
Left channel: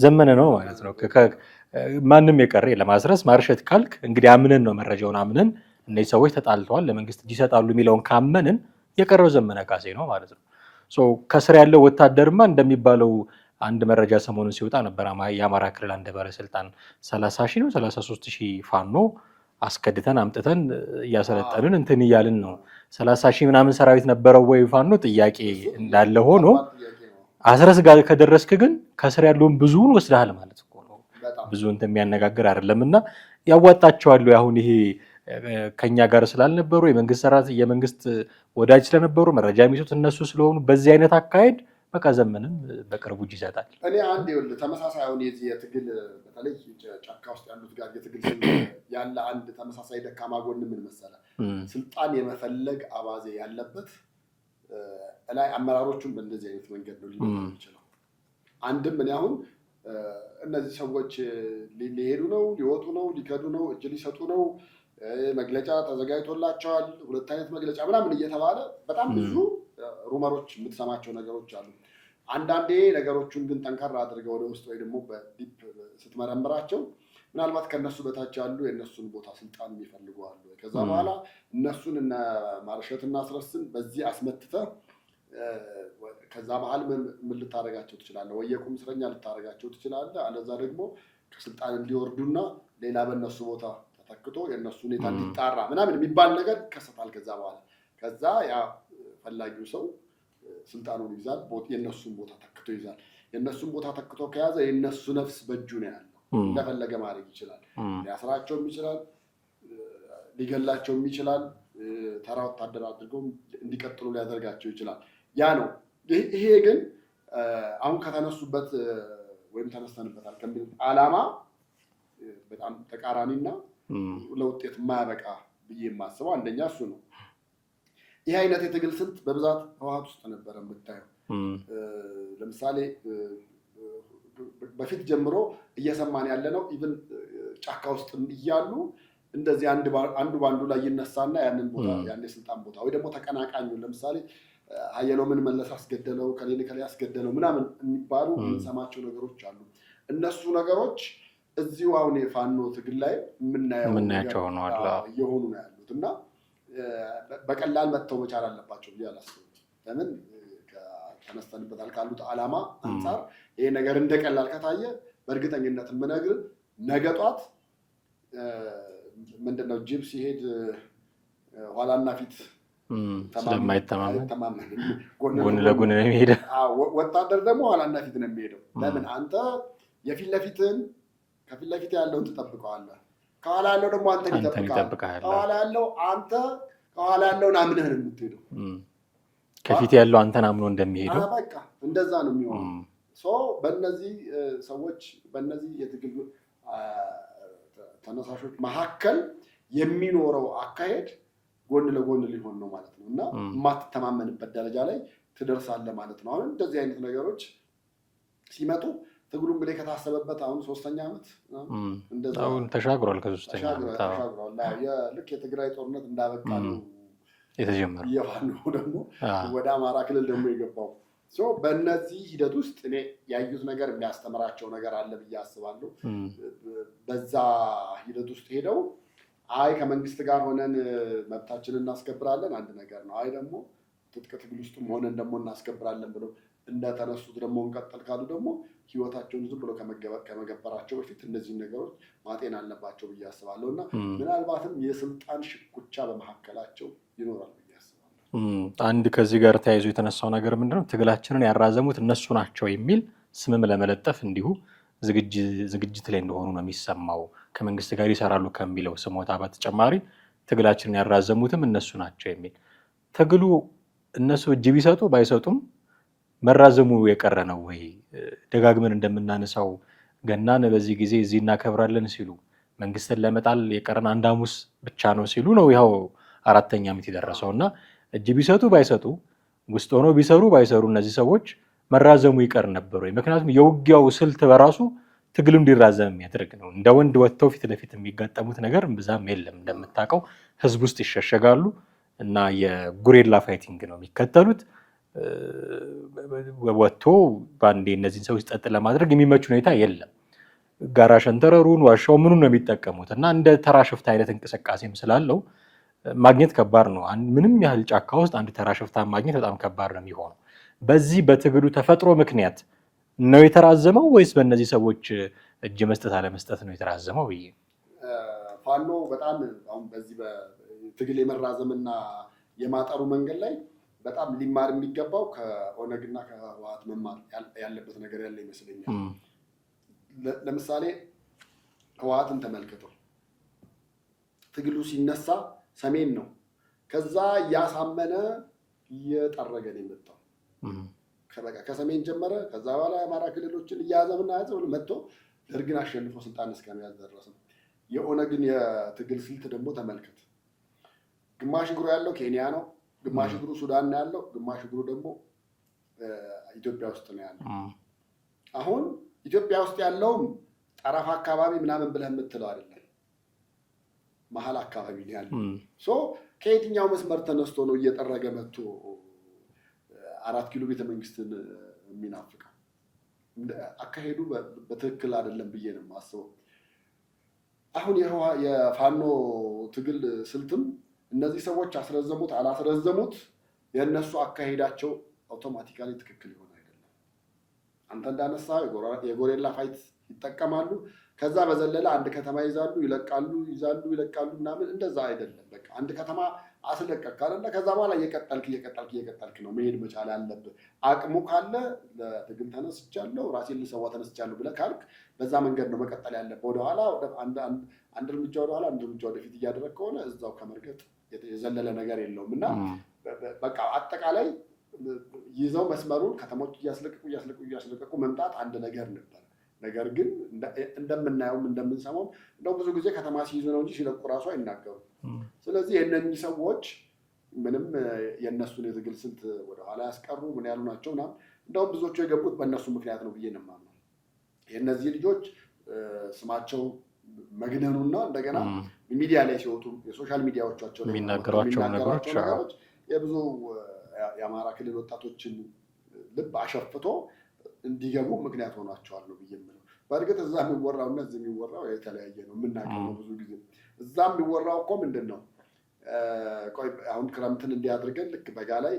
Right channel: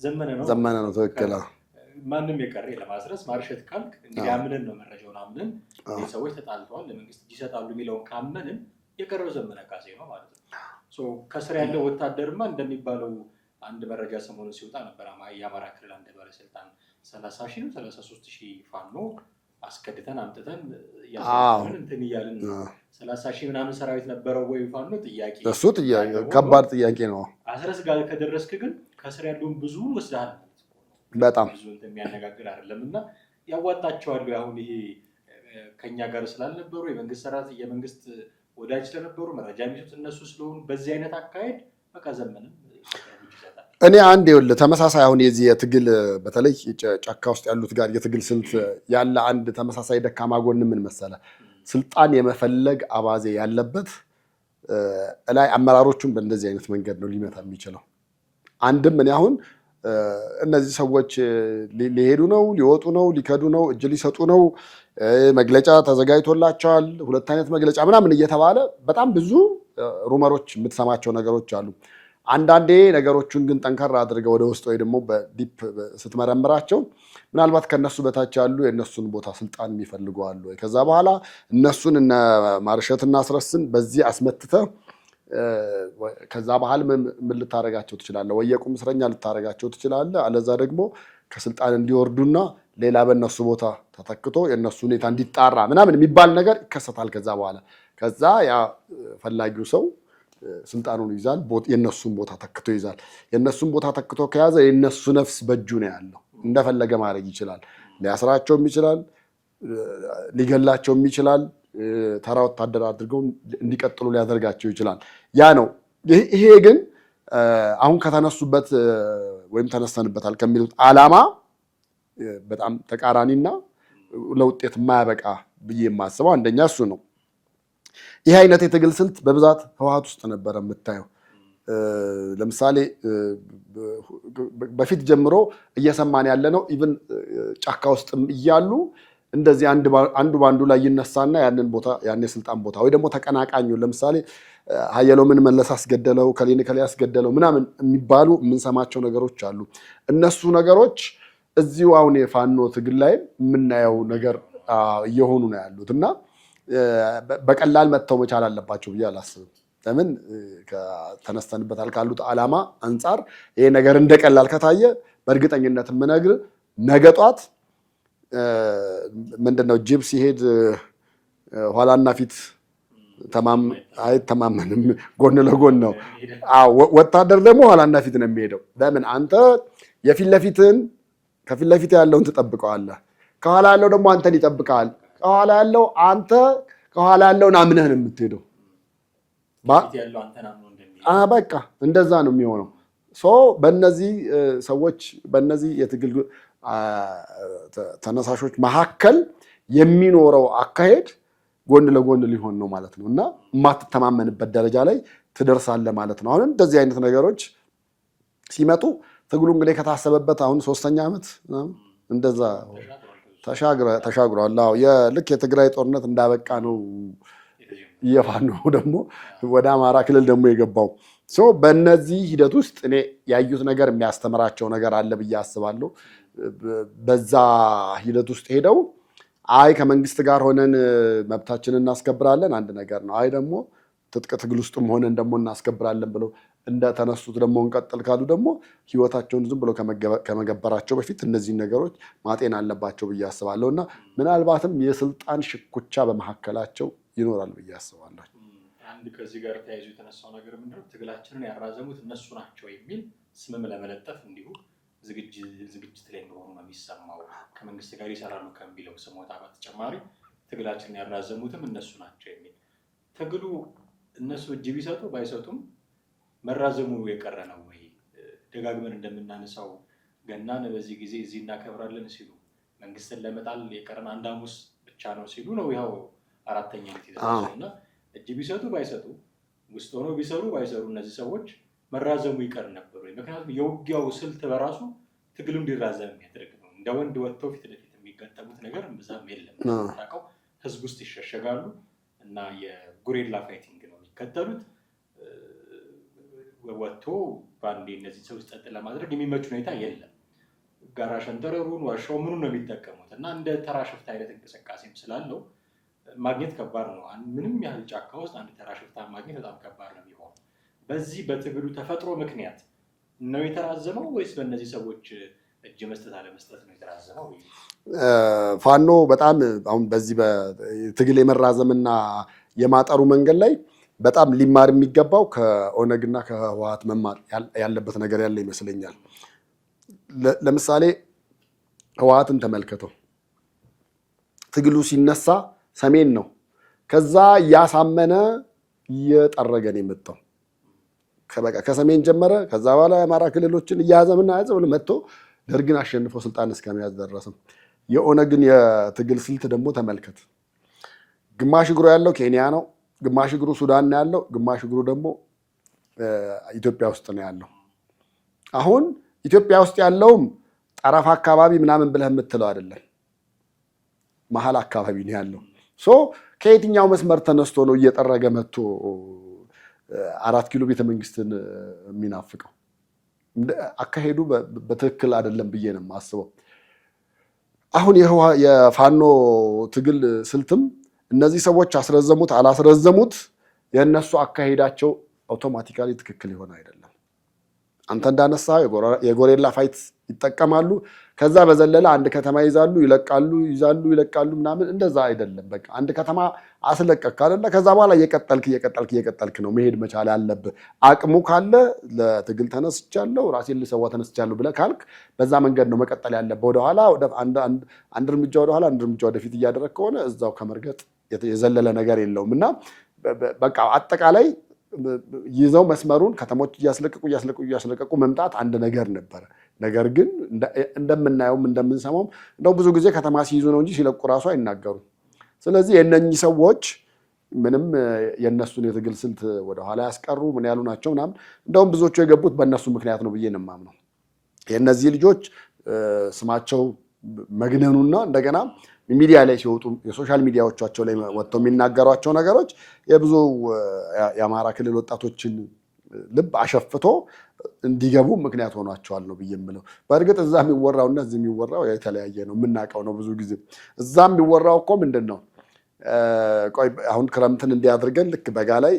ዘመነ ነው። ማንም የቀረ ለማስረስ ማርሸት ካልክ እንግዲህ አምነን ነው መረጃውን አምነን እነዚህ ሰዎች ተጣልተዋል ለመንግስት እጅ ይሰጣሉ የሚለውን ካመንን የቀረው ዘመነ ካሴ ነው ማለት ነው። ከስር ያለው ወታደርማ እንደሚባለው አንድ መረጃ ሰሞኑን ሲወጣ ነበር። የአማራ ክልል አንድ ባለስልጣን 30,000 ነው 33,000 ፋኖ አስከድተን አምጥተን እያሰለጠንን እንትን እያልን ነው። 30,000 ምናምን ሰራዊት ነበረው ወይ ፋኖ? ጥያቄ ያለ ሆኖ አስረስ ጋር ከደረስክ ግን ከስር ያለውን ብዙውን ወስደሃል ማለት እኮ ነው። በጣም ብዙ እንትን የሚያነጋግር አይደለም እና ያዋጣቸዋል። አሁን ይሄ ከኛ ጋር ስላልነበሩ የመንግስት ወዳጅ ስለነበሩ መረጃ የሚሰጡት እነሱ ስለሆኑ በዚህ አይነት አካሄድ በቃ ዘመንም በቅርቡ እጅ ይሰጣል። እኔ አንድ ይኸውልህ ተመሳሳይ አሁን የዚህ የትግል በተለይ ጫካ ውስጥ ያሉት ጋር የትግል ስልት ያለ አንድ ተመሳሳይ ደካማ ጎን ምን መሰለህ? ስልጣን የመፈለግ አባዜ ያለበት ላይ አመራሮቹን በእንደዚህ አይነት መንገድ ነው ሊመጣ የሚችለው። አንድም እኔ አሁን እነዚህ ሰዎች ሊሄዱ ነው፣ ሊወጡ ነው፣ ሊከዱ ነው፣ እጅ ሊሰጡ ነው፣ መግለጫ ተዘጋጅቶላቸዋል፣ 2 አይነት መግለጫ ምናምን እየተባለ በጣም ብዙ ሩመሮች የምትሰማቸው ነገሮች አሉ። አንዳንዴ ነገሮቹን ግን ጠንከር አድርገው ወደ ውስጥ ወይ ደግሞ በዲፕ ስትመረምራቸው ምናልባት ከነሱ በታች ያሉ የነሱን ቦታ ስልጣን የሚፈልጉ አሉ። ከዛ በኋላ እነሱን እነ ማርሸትና አስረስን በዚህ አስመትተህ ከዛ በኋላ ምን ልታረጋቸው ትችላለህ? ወይ የቁም እስረኛ ልታረጋቸው ትችላለህ። አለዛ ደግሞ ከስልጣን እንዲወርዱና ሌላ በእነሱ ቦታ ተተክቶ የእነሱ ሁኔታ እንዲጣራ ምናምን የሚባል ነገር ይከሰታል። ከዛ ያ ፈላጊው ሰው ስልጣኑን ይዛል፣ የእነሱን ቦታ ተክቶ ይዛል። የእነሱን ቦታ ተክቶ ከያዘ የእነሱ ነፍስ በእጁ ነው ያለው። እንደፈለገ ማድረግ ይችላል። ሊያስራቸውም ይችላል፣ ሊገላቸውም ይችላል። ተራ ወታደር አድርገው እንዲቀጥሉ ሊያደርጋቸው ይችላል። ያ ነው። ይሄ ግን አሁን ከተነሱበት ወይም ተነስተንበታል ከሚሉት ዓላማ በጣም ተቃራኒና ለውጤት የማያበቃ ብዬ የማስበው አንደኛ እሱ ነው። ይህ አይነት የትግል ስልት በብዛት ህወሓት ውስጥ ነበረ የምታየው። ለምሳሌ በፊት ጀምሮ እየሰማን ያለ ነው። ኢቭን ጫካ ውስጥ እያሉ እንደዚህ አንዱ ባንዱ ላይ ይነሳና ያንን ቦታ ያን የስልጣን ቦታ ወይ ደግሞ ተቀናቃኙ ለምሳሌ ሀየሎምን መለስ አስገደለው፣ ከሌን ከሌ አስገደለው ምናምን የሚባሉ የምንሰማቸው ነገሮች አሉ። እነሱ ነገሮች እዚሁ አሁን የፋኖ ትግል ላይ የምናየው ነገር እየሆኑ ነው ያሉት እና በቀላል መተው መቻል አለባቸው ብዬ አላስብም። ለምን ተነስተንበታል ካሉት ዓላማ አንጻር ይሄ ነገር እንደቀላል ከታየ በእርግጠኝነት የምነግር ነገ ጧት ምንድነው ጅብ ሲሄድ ኋላና ፊት አይተማመንም፣ ጎን ለጎን ነው። ወታደር ደግሞ ኋላና ፊት ነው የሚሄደው። ለምን አንተ ከፊት ለፊት ያለውን ትጠብቀዋለህ፣ ከኋላ ያለው ደግሞ አንተን ይጠብቃል። ከኋላ ያለው አንተ ከኋላ ያለውን አምነህ ነው የምትሄደው። ከፊት ያለው አንተን አምኖ እንደሚሄድ በቃ እንደዛ ነው የሚሆነው። በእነዚህ ሰዎች በእነዚህ የትግል ተነሳሾች መካከል የሚኖረው አካሄድ ጎን ለጎን ሊሆን ነው ማለት ነው እና የማትተማመንበት ደረጃ ላይ ትደርሳለህ ማለት ነው። አሁን እንደዚህ አይነት ነገሮች ሲመጡ ትግሉ እንግዲህ ከታሰበበት አሁን 3ኛ ዓመት እንደዛ ተሻግሯል። ልክ የትግራይ ጦርነት እንዳበቃ ነው የፋኖ ደግሞ ወደ አማራ ክልል ደግሞ የገባው። በእነዚህ ሂደት ውስጥ እኔ ያዩት ነገር የሚያስተምራቸው ነገር አለ ብዬ አስባለሁ። በዛ ሂደት ውስጥ ሄደው አይ ከመንግስት ጋር ሆነን መብታችንን እናስከብራለን አንድ ነገር ነው፣ አይ ደግሞ ትጥቅ ትግል ውስጥም ሆነን ደግሞ እናስከብራለን ብለው እንደተነሱት ደግሞ እንቀጥል ካሉ ደግሞ ህይወታቸውን ዝም ብሎ ከመገበራቸው በፊት እነዚህን ነገሮች ማጤን አለባቸው ብዬ አስባለሁ እና ምናልባትም የስልጣን ሽኩቻ በመካከላቸው ይኖራል ብዬ አስባለሁ። አንድ ከዚህ ጋር ተያይዞ የተነሳው ነገር ምንድነው ትግላችንን ያራዘሙት እነሱ ናቸው የሚል ስምም ለመለጠፍ እንዲሁ ዝግጅት ላይ እንደሆኑ ነው የሚሰማው። ከመንግስት ጋር ይሰራሉ ከሚለው ስሞታ በተጨማሪ ትግላችንን ያራዘሙትም እነሱ ናቸው የሚል ትግሉ እነሱ እጅ ቢሰጡ ባይሰጡም መራዘሙ የቀረ ነው ወይ? ደጋግመን እንደምናነሳው ገናን በዚህ ጊዜ እዚህ እናከብራለን ሲሉ መንግስትን ለመጣል የቀረን አንድ ሐሙስ ብቻ ነው ሲሉ ነው ይኸው 4ኛ ዓመት የደረሰው እና እጅ ቢሰጡ ባይሰጡ ውስጥ ሆኖ ቢሰሩ ባይሰሩ እነዚህ ሰዎች መራዘሙ ይቀር ነበር ወይ? ምክንያቱም የውጊያው ስልት በራሱ ትግሉ እንዲራዘም የሚያደርግ ነው። እንደ ወንድ ወጥተው ፊት ለፊት የሚጋጠሙት ነገር ብዛም የለም። እንደምታውቀው ህዝብ ውስጥ ይሸሸጋሉ እና የጉሬላ ፋይቲንግ ነው የሚከተሉት። ወጥቶ በአንዴ እነዚህን ሰዎች ጸጥ ለማድረግ የሚመች ሁኔታ የለም። ጋራ ሸንተረሩን ዋሻው ምኑን ነው የሚጠቀሙት እና እንደ ተራ ሽፍታ አይነት እንቅስቃሴም ስላለው ማግኘት ከባድ ነው። ምንም ያህል ጫካ ውስጥ አንድ ተራ ሽፍታ ማግኘት በጣም ከባድ ነው የሚሆነው። በዚህ በትግሉ ተፈጥሮ ምክንያት ነው የተራዘመው ወይስ በእነዚህ ሰዎች እጅ መስጠት አለመስጠት ነው የተራዘመው? ፋኖ በጣም አሁን በዚህ በትግል የመራዘምና የማጠሩ መንገድ ላይ በጣም ሊማር የሚገባው ከኦነግና ከህወሓት መማር ያለበት ነገር ያለ ይመስለኛል። ለምሳሌ ህወሓትን ተመልከተው። ትግሉ ሲነሳ ሰሜን ነው። ከዛ እያሳመነ እየጠረገን የመጣው ከሰሜን ጀመረ። ከዛ በኋላ የአማራ ክልሎችን እያያዘምና ያዘ ብሎ መጥቶ ደርግን አሸንፎ ስልጣን እስከመያዝ ደረሰም። የኦነግን የትግል ስልት ደግሞ ተመልከት። ግማሽ እግሩ ያለው ኬንያ ነው፣ ግማሽ እግሩ ሱዳን ነው ያለው፣ ግማሽ እግሩ ደግሞ ኢትዮጵያ ውስጥ ነው ያለው። አሁን ኢትዮጵያ ውስጥ ያለውም ጠረፍ አካባቢ ምናምን ብለህ የምትለው አይደለም፣ መሀል አካባቢ ነው ያለው። ከየትኛው መስመር ተነስቶ ነው እየጠረገ መጥቶ 4 ኪሎ ቤተመንግስትን የሚናፍቀው? አካሄዱ በትክክል አይደለም ብዬ ነው የማስበው። አሁን የፋኖ ትግል ስልትም እነዚህ ሰዎች አስረዘሙት አላስረዘሙት የእነሱ አካሄዳቸው አውቶማቲካሊ ትክክል ይሆን አይደለም። አንተ እንዳነሳ የጎሬላ ፋይት ይጠቀማሉ። ከዛ በዘለለ አንድ ከተማ ይዛሉ ይለቃሉ ምናምን እንደዛ አይደለም። በቃ አንድ ከተማ አስለቀቅ አይደለ? ከዛ በኋላ እየቀጠልክ ነው መሄድ መቻል ያለብህ። አቅሙ ካለ ለትግል ተነስቻለሁ ራሴን ልሰዋ ተነስቻለሁ ብለህ ካልክ በዛ መንገድ ነው መቀጠል ያለብህ። ወደኋላ አንድ እርምጃ ወደኋላ አንድ እርምጃ ወደፊት እያደረግ ከሆነ እዛው ከመርገጥ የዘለለ ነገር የለውም እና በቃ አጠቃላይ ይዘው መስመሩን ከተሞች እያስለቀቁ መምጣት አንድ ነገር ነበረ። ነገር ግን እንደምናየውም እንደምንሰማውም እንደው ብዙ ጊዜ ከተማ ሲይዙ ነው እንጂ ሲለቁ ራሱ አይናገሩም። ስለዚህ የእነኚህ ሰዎች ምንም የእነሱን የትግል ስልት ወደኋላ ያስቀሩ ምን ያሉ ናቸው ምናምን። እንደውም ብዙዎቹ የገቡት በእነሱ ምክንያት ነው ብዬ ነው የማምነው። የእነዚህ ልጆች ስማቸው መግነኑና እንደገና ሚዲያ ላይ ሲወጡ የሶሻል ሚዲያዎቻቸው ላይ ወጥተው የሚናገሯቸው ነገሮች የብዙ የአማራ ክልል ወጣቶችን ልብ አሸፍቶ እንዲገቡ ምክንያት ሆኗቸዋል ነው ብዬ የምለው። በእርግጥ እዛ የሚወራውና እዚህ የሚወራው የተለያየ ነው፣ የምናውቀው ነው። ብዙ ጊዜ እዛ የሚወራው እኮ ምንድን ነው ቆይ አሁን ክረምትን እንዲያድርገን ልክ በጋ ላይ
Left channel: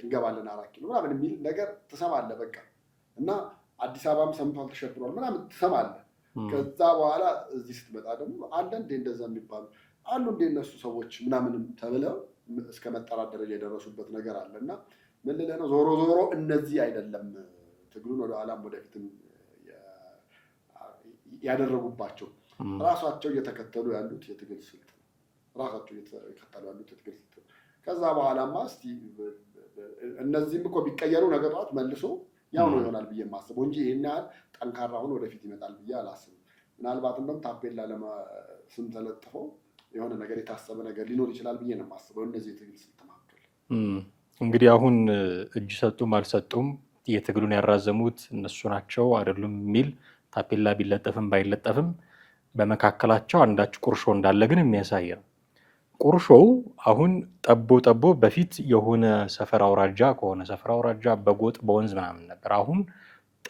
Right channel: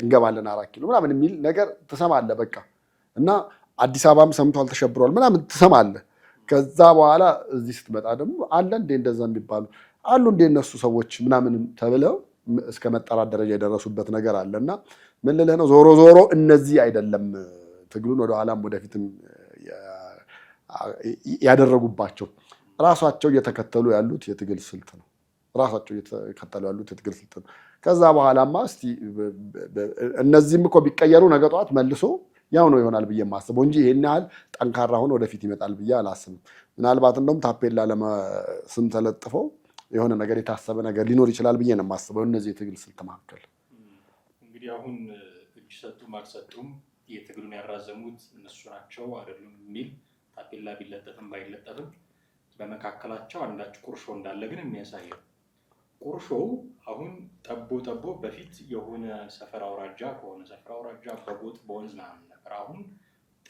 እንገባለን 4 ኪሎ ምናምን የሚል ነገር ትሰማለህ። በቃ እና አዲስ አበባም ሰምቷል ተሸብሯል ምናምን ትሰማለህ። ከዛ በኋላ እዚህ ስትመጣ ደግሞ አለ እንደ እንደዛ የሚባሉ አሉ እንደ እነሱ ሰዎች ምናምን ተብለው እስከ መጠራት ደረጃ የደረሱበት ነገር አለ። እና ምን ልልህ ነው ዞሮ እነዚህ አይደለም ትግሉን ወደኋላም ወደፊትም ያደረጉባቸው ራሳቸው እየተከተሉ ያሉት የትግል ስልት ነው። ከዛ በኋላማ እስቲ እነዚህም እኮ ቢቀየሩ ነገ ጠዋት መልሶ ያው ነው ይሆናል ብዬ የማስበው እንጂ ይሄን ያህል ጠንካራ ሆኖ ወደፊት ይመጣል ብዬ አላስብም። ምናልባት እንደውም ታፔላ ስም ተለጥፈው የሆነ ነገር የታሰበ ነገር ሊኖር ይችላል ብዬ ነው የማስበው። እነዚህ የትግል ስልት መካከል እንግዲህ አሁን እጅ ሰጡም አልሰጡም የትግሉን ያራዘሙት እነሱ ናቸው አይደሉም የሚል ታፔላ ቢለጠፍም ባይለጠፍም በመካከላቸው አንዳች ቁርሾ እንዳለ ግን የሚያሳይ ነው። ቁርሾው አሁን ጠቦ በፊት የሆነ ሰፈር አውራጃ ከሆነ ሰፈር አውራጃ በጎጥ በወንዝ ምናምን ነበር። አሁን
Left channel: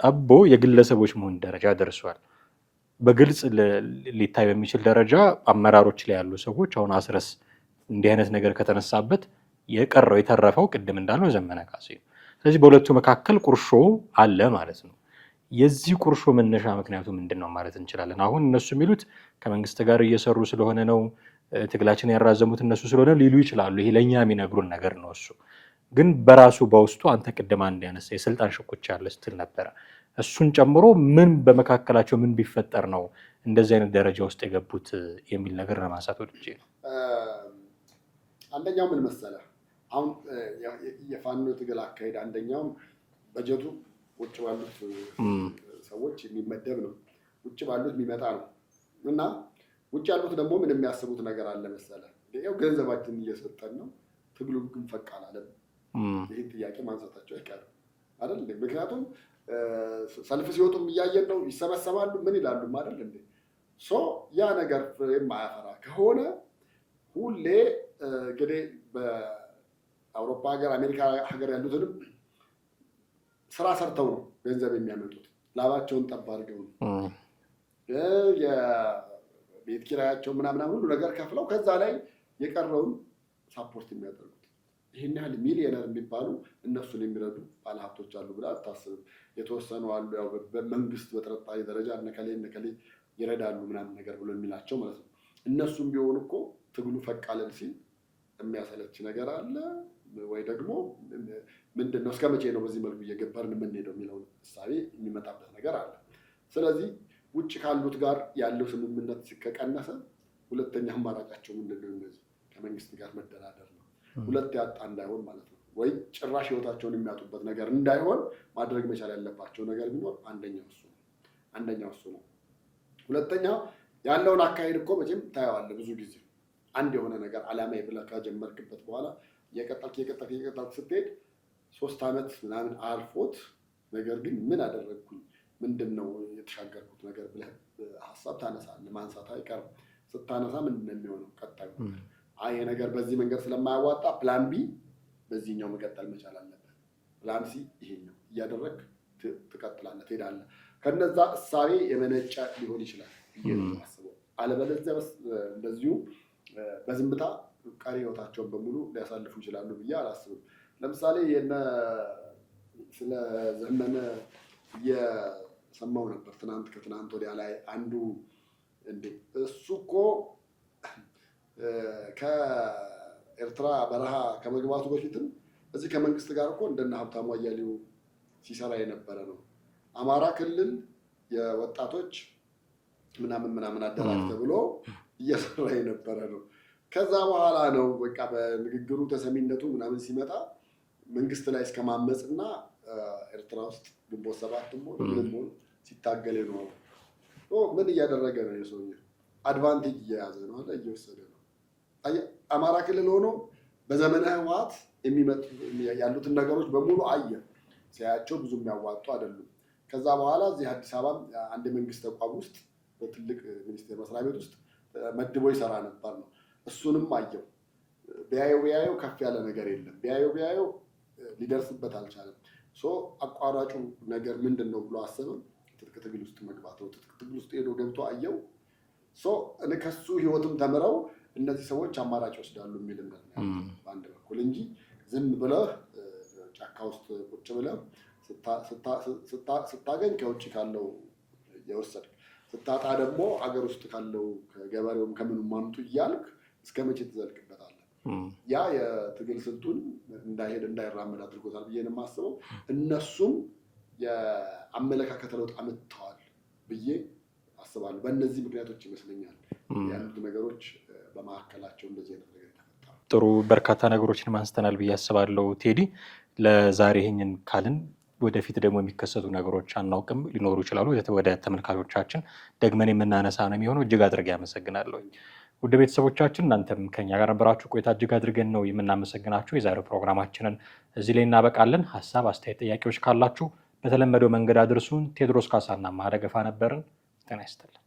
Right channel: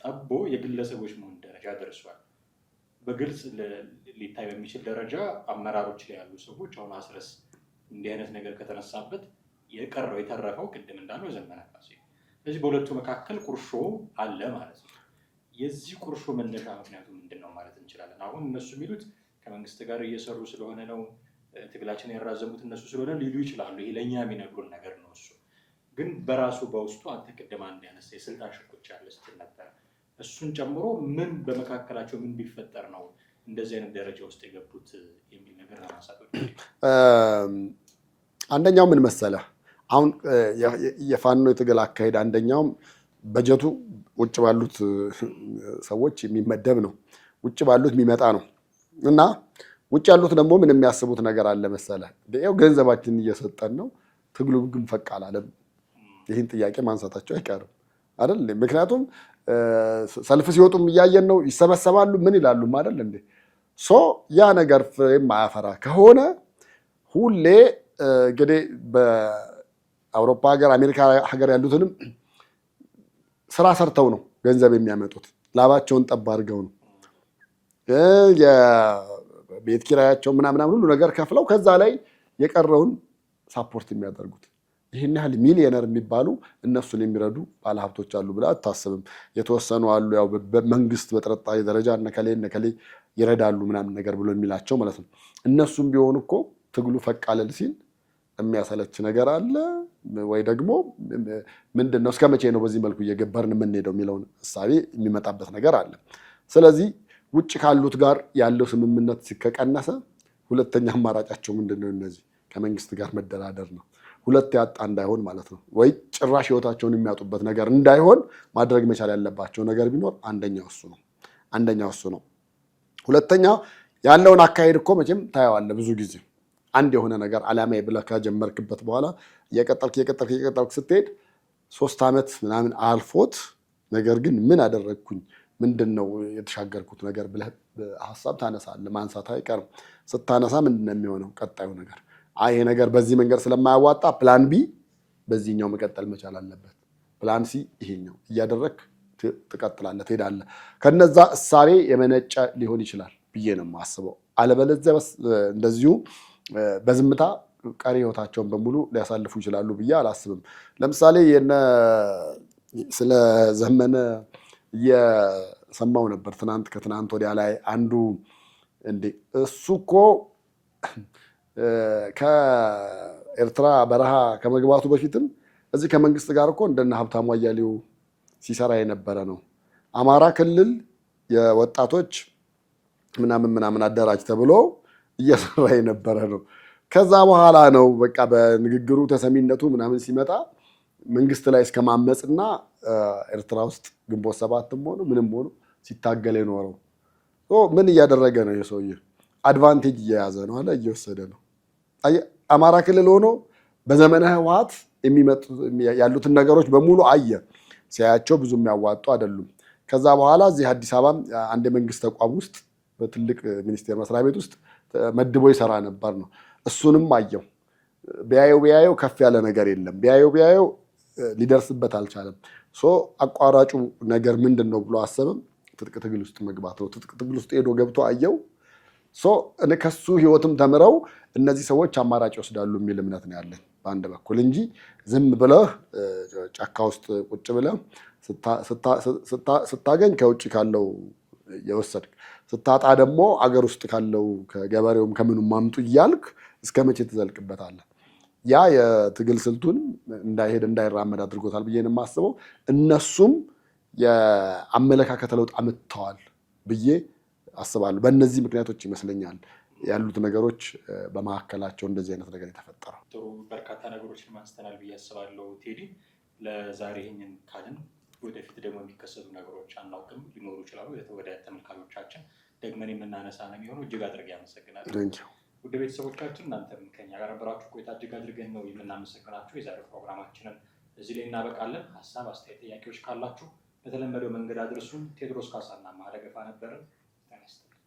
ጠቦ የግለሰቦች መሆን ደረጃ ደርሷል። በግልጽ ሊታይ በሚችል ደረጃ አመራሮች ላይ ያሉ ሰዎች አሁን አስረስ እንዲህ አይነት ነገር ከተነሳበት የቀረው የተረፈው ቅድም እንዳለው ዘመነ ካሴ። ስለዚህ በሁለቱ መካከል ቁርሾ አለ ማለት ነው። የዚህ ቁርሾ መነሻ ምክንያቱ ምንድን ነው ማለት እንችላለን? አሁን እነሱ የሚሉት ከመንግስት ጋር እየሰሩ ስለሆነ ነው፣ ትግላችን ያራዘሙት እነሱ ስለሆነ ሊሉ ይችላሉ። ይሄ ለእኛ የሚነግሩን ነገር ነው። እሱ ግን በራሱ በውስጡ አንተ ቅድም አንድ ያነሳ የስልጣን ሽኩቻ ያለ ስትል ነበረ። እሱን ጨምሮ ምን በመካከላቸው ምን ቢፈጠር ነው እንደዚህ አይነት ደረጃ ውስጥ የገቡት የሚል ነገር ለማንሳት ወደ አንደኛው ምን መሰለህ፣ አሁን የፋኖ የትግል አካሄድ አንደኛውም በጀቱ ውጭ ባሉት ሰዎች የሚመደብ ነው፣ ውጭ ባሉት የሚመጣ ነው እና ውጭ ያሉት ደግሞ ምን የሚያስቡት ነገር አለ መሰለህ፣ ያው ገንዘባችንን እየሰጠን ነው፣ ትግሉ ግን ፈቅ አላለም። ይህን ጥያቄ ማንሳታቸው አይቀርም አይደል? ምክንያቱም ሰልፍ ሲወጡም እያየን ነው፣ ይሰበሰባሉ፣ ምን ይላሉ አይደል እንዴ? ያ ነገር ፍሬም ማያፈራ ከሆነ ሁሌ እንግዲህ በአውሮፓ ሀገር አሜሪካ ሀገር ያሉትንም ስራ ሰርተው ነው ገንዘብ የሚያመጡት፣ ላባቸውን ጠብ አድርገው ነው የቤት ኪራያቸው ምናምን ሁሉ ነገር ከፍለው ከዛ ላይ የቀረውን ሳፖርት የሚያደርጉት። ይህን ያህል ሚሊዮነር የሚባሉ እነሱን የሚረዱ ባለሀብቶች አሉ ብለህ አታስብም። የተወሰኑ አሉ፣ ያው መንግስት በጥርጣሬ ደረጃ እነከሌ ይረዳሉ ምናምን ነገር ብሎ የሚላቸው ማለት ነው። እነሱም ቢሆኑ እኮ ትግሉ ፈቅ አለል ሲል የሚያሰለች ነገር አለ ወይ ደግሞ ምንድን ነው እስከ መቼ ነው በዚህ መልኩ እየገበርን የምንሄደው የሚለውን እሳቤ የሚመጣበት ነገር አለ። ስለዚህ ውጭ ካሉት ጋር ያለው ስምምነት ከቀነሰ ሁለተኛ አማራጫቸው ምንድን ነው? እነዚህ ከመንግስት ጋር መደራደር ነው። ሁለት ያጣ እንዳይሆን ማለት ነው። ወይ ጭራሽ ህይወታቸውን የሚያጡበት ነገር እንዳይሆን ማድረግ መቻል ያለባቸው ነገር ቢኖር አንደኛው እሱ ነው። ሁለተኛ ያለውን አካሄድ እኮ መቼም ታየዋለህ። ብዙ ጊዜ አንድ የሆነ ነገር ዓላማ ብለህ ከጀመርክበት በኋላ እየቀጠልክ ስትሄድ 3 ዓመት ምናምን አልፎት ነገር ግን ምን አደረግኩኝ ምንድን ነው የተሻገርኩት ነገር ብለህ ሀሳብ ታነሳለህ። ማንሳት አይቀርም። ስታነሳ ምንድን ነው የሚሆነው ቀጣዩ ነገር? ይሄ ነገር በዚህ መንገድ ስለማያዋጣ ፕላን ቢ በዚህኛው መቀጠል መቻል አለበት። ፕላን ሲ ይሄኛው እያደረግ ትቀጥላለህ፣ ትሄዳለህ። ከነዛ እሳቤ የመነጨ ሊሆን ይችላል ብዬ ነው የማስበው። አለበለዚያ እንደዚሁ በዝምታ ቀሪ ህይወታቸውን በሙሉ ሊያሳልፉ ይችላሉ ብዬ አላስብም። ለምሳሌ ስለ ዘመነ ሰማው ነበር ከትናንት ወዲያ ላይ አንዱ እንዴ እሱ እኮ ከኤርትራ በረሃ ከመግባቱ በፊትም እዚህ ከመንግስት ጋር እኮ እንደነ ሀብታሙ አያሌው ሲሰራ የነበረ ነው። አማራ ክልል የወጣቶች ምናምን አደራጅ ተብሎ እየሰራ የነበረ ነው። ከዛ በኋላ ነው በቃ በንግግሩ ተሰሚነቱ ምናምን ሲመጣ መንግስት ላይ እስከ ማመፅና ኤርትራ ውስጥ ግንቦት ሰባትም ሆኑ ምንም ሆኑ ሲታገል የኖረው። ምን እያደረገ ነው የሰውዬ? አድቫንቴጅ እየያዘ ነው አለ፣ እየወሰደ ነው። አማራ ክልል ሆኖ በዘመነ ህወሓት ያሉትን ነገሮች በሙሉ አየ። ሲያያቸው ብዙ የሚያዋጡ አይደሉም። ከዛ በኋላ እዚህ አዲስ አበባ አንድ የመንግስት ተቋም ውስጥ በትልቅ ሚኒስቴር መስሪያ ቤት ውስጥ መድቦ ይሰራ ነበር ነው። እሱንም አየው። ቢያየው ከፍ ያለ ነገር የለም። ቢያየው ሊደርስበት አልቻለም። አቋራጩ ነገር ምንድን ነው ብሎ አሰብም። ትጥቅ ትግል ውስጥ መግባት ነው። ትጥቅ ትግል ውስጥ ሄዶ ገብቶ አየው። ከሱ ህይወትም ተምረው እነዚህ ሰዎች አማራጭ ይወስዳሉ የሚል እምነት ነው ያለኝ በአንድ በኩል እንጂ ዝም ብለህ ጫካ ውስጥ ቁጭ ብለህ ስታገኝ ከውጭ ካለው የወሰድክ ስታጣ ደግሞ አገር ውስጥ ካለው ከገበሬውም ከምኑም ማምጡ እያልክ እስከ መቼ ትዘልቅበታለህ? ያ የትግል ስልቱን እንዳይራመድ አድርጎታል ብዬ ነው የማስበው። እነሱም የአመለካከት ለውጥ አምጥተዋል ብዬ አስባለሁ። በእነዚህ ምክንያቶች ይመስለኛል ያሉት ነገሮች በመካከላቸው እንደዚህ አይነት ነገር የተፈጠረው። ጥሩ በርካታ ነገሮችን አንስተናል ብዬ አስባለሁ ቴዲ። ለዛሬ ይህንን ካልን ወደፊት ደግሞ የሚከሰቱ ነገሮች አናውቅም፣ ሊኖሩ ይችላሉ። ወደ ተመልካቾቻችን ደግመን የምናነሳ ነው የሚሆነው። እጅግ አድርጌ አመሰግናለሁ። ውድ ቤተሰቦቻችን እናንተም ከኛ ጋር ነበራችሁ ቆይታ እጅግ አድርገን ነው የምናመሰግናችሁ። የዛሬው ፕሮግራማችንን እዚህ ላይ እናበቃለን። ሀሳብ፣ አስተያየት፣ ጥያቄዎች ካላችሁ በተለመደው መንገድ አድርሱን። ቴዎድሮስ ካሳና ማደገፋ ነበርን። ጤና ይስጥልን።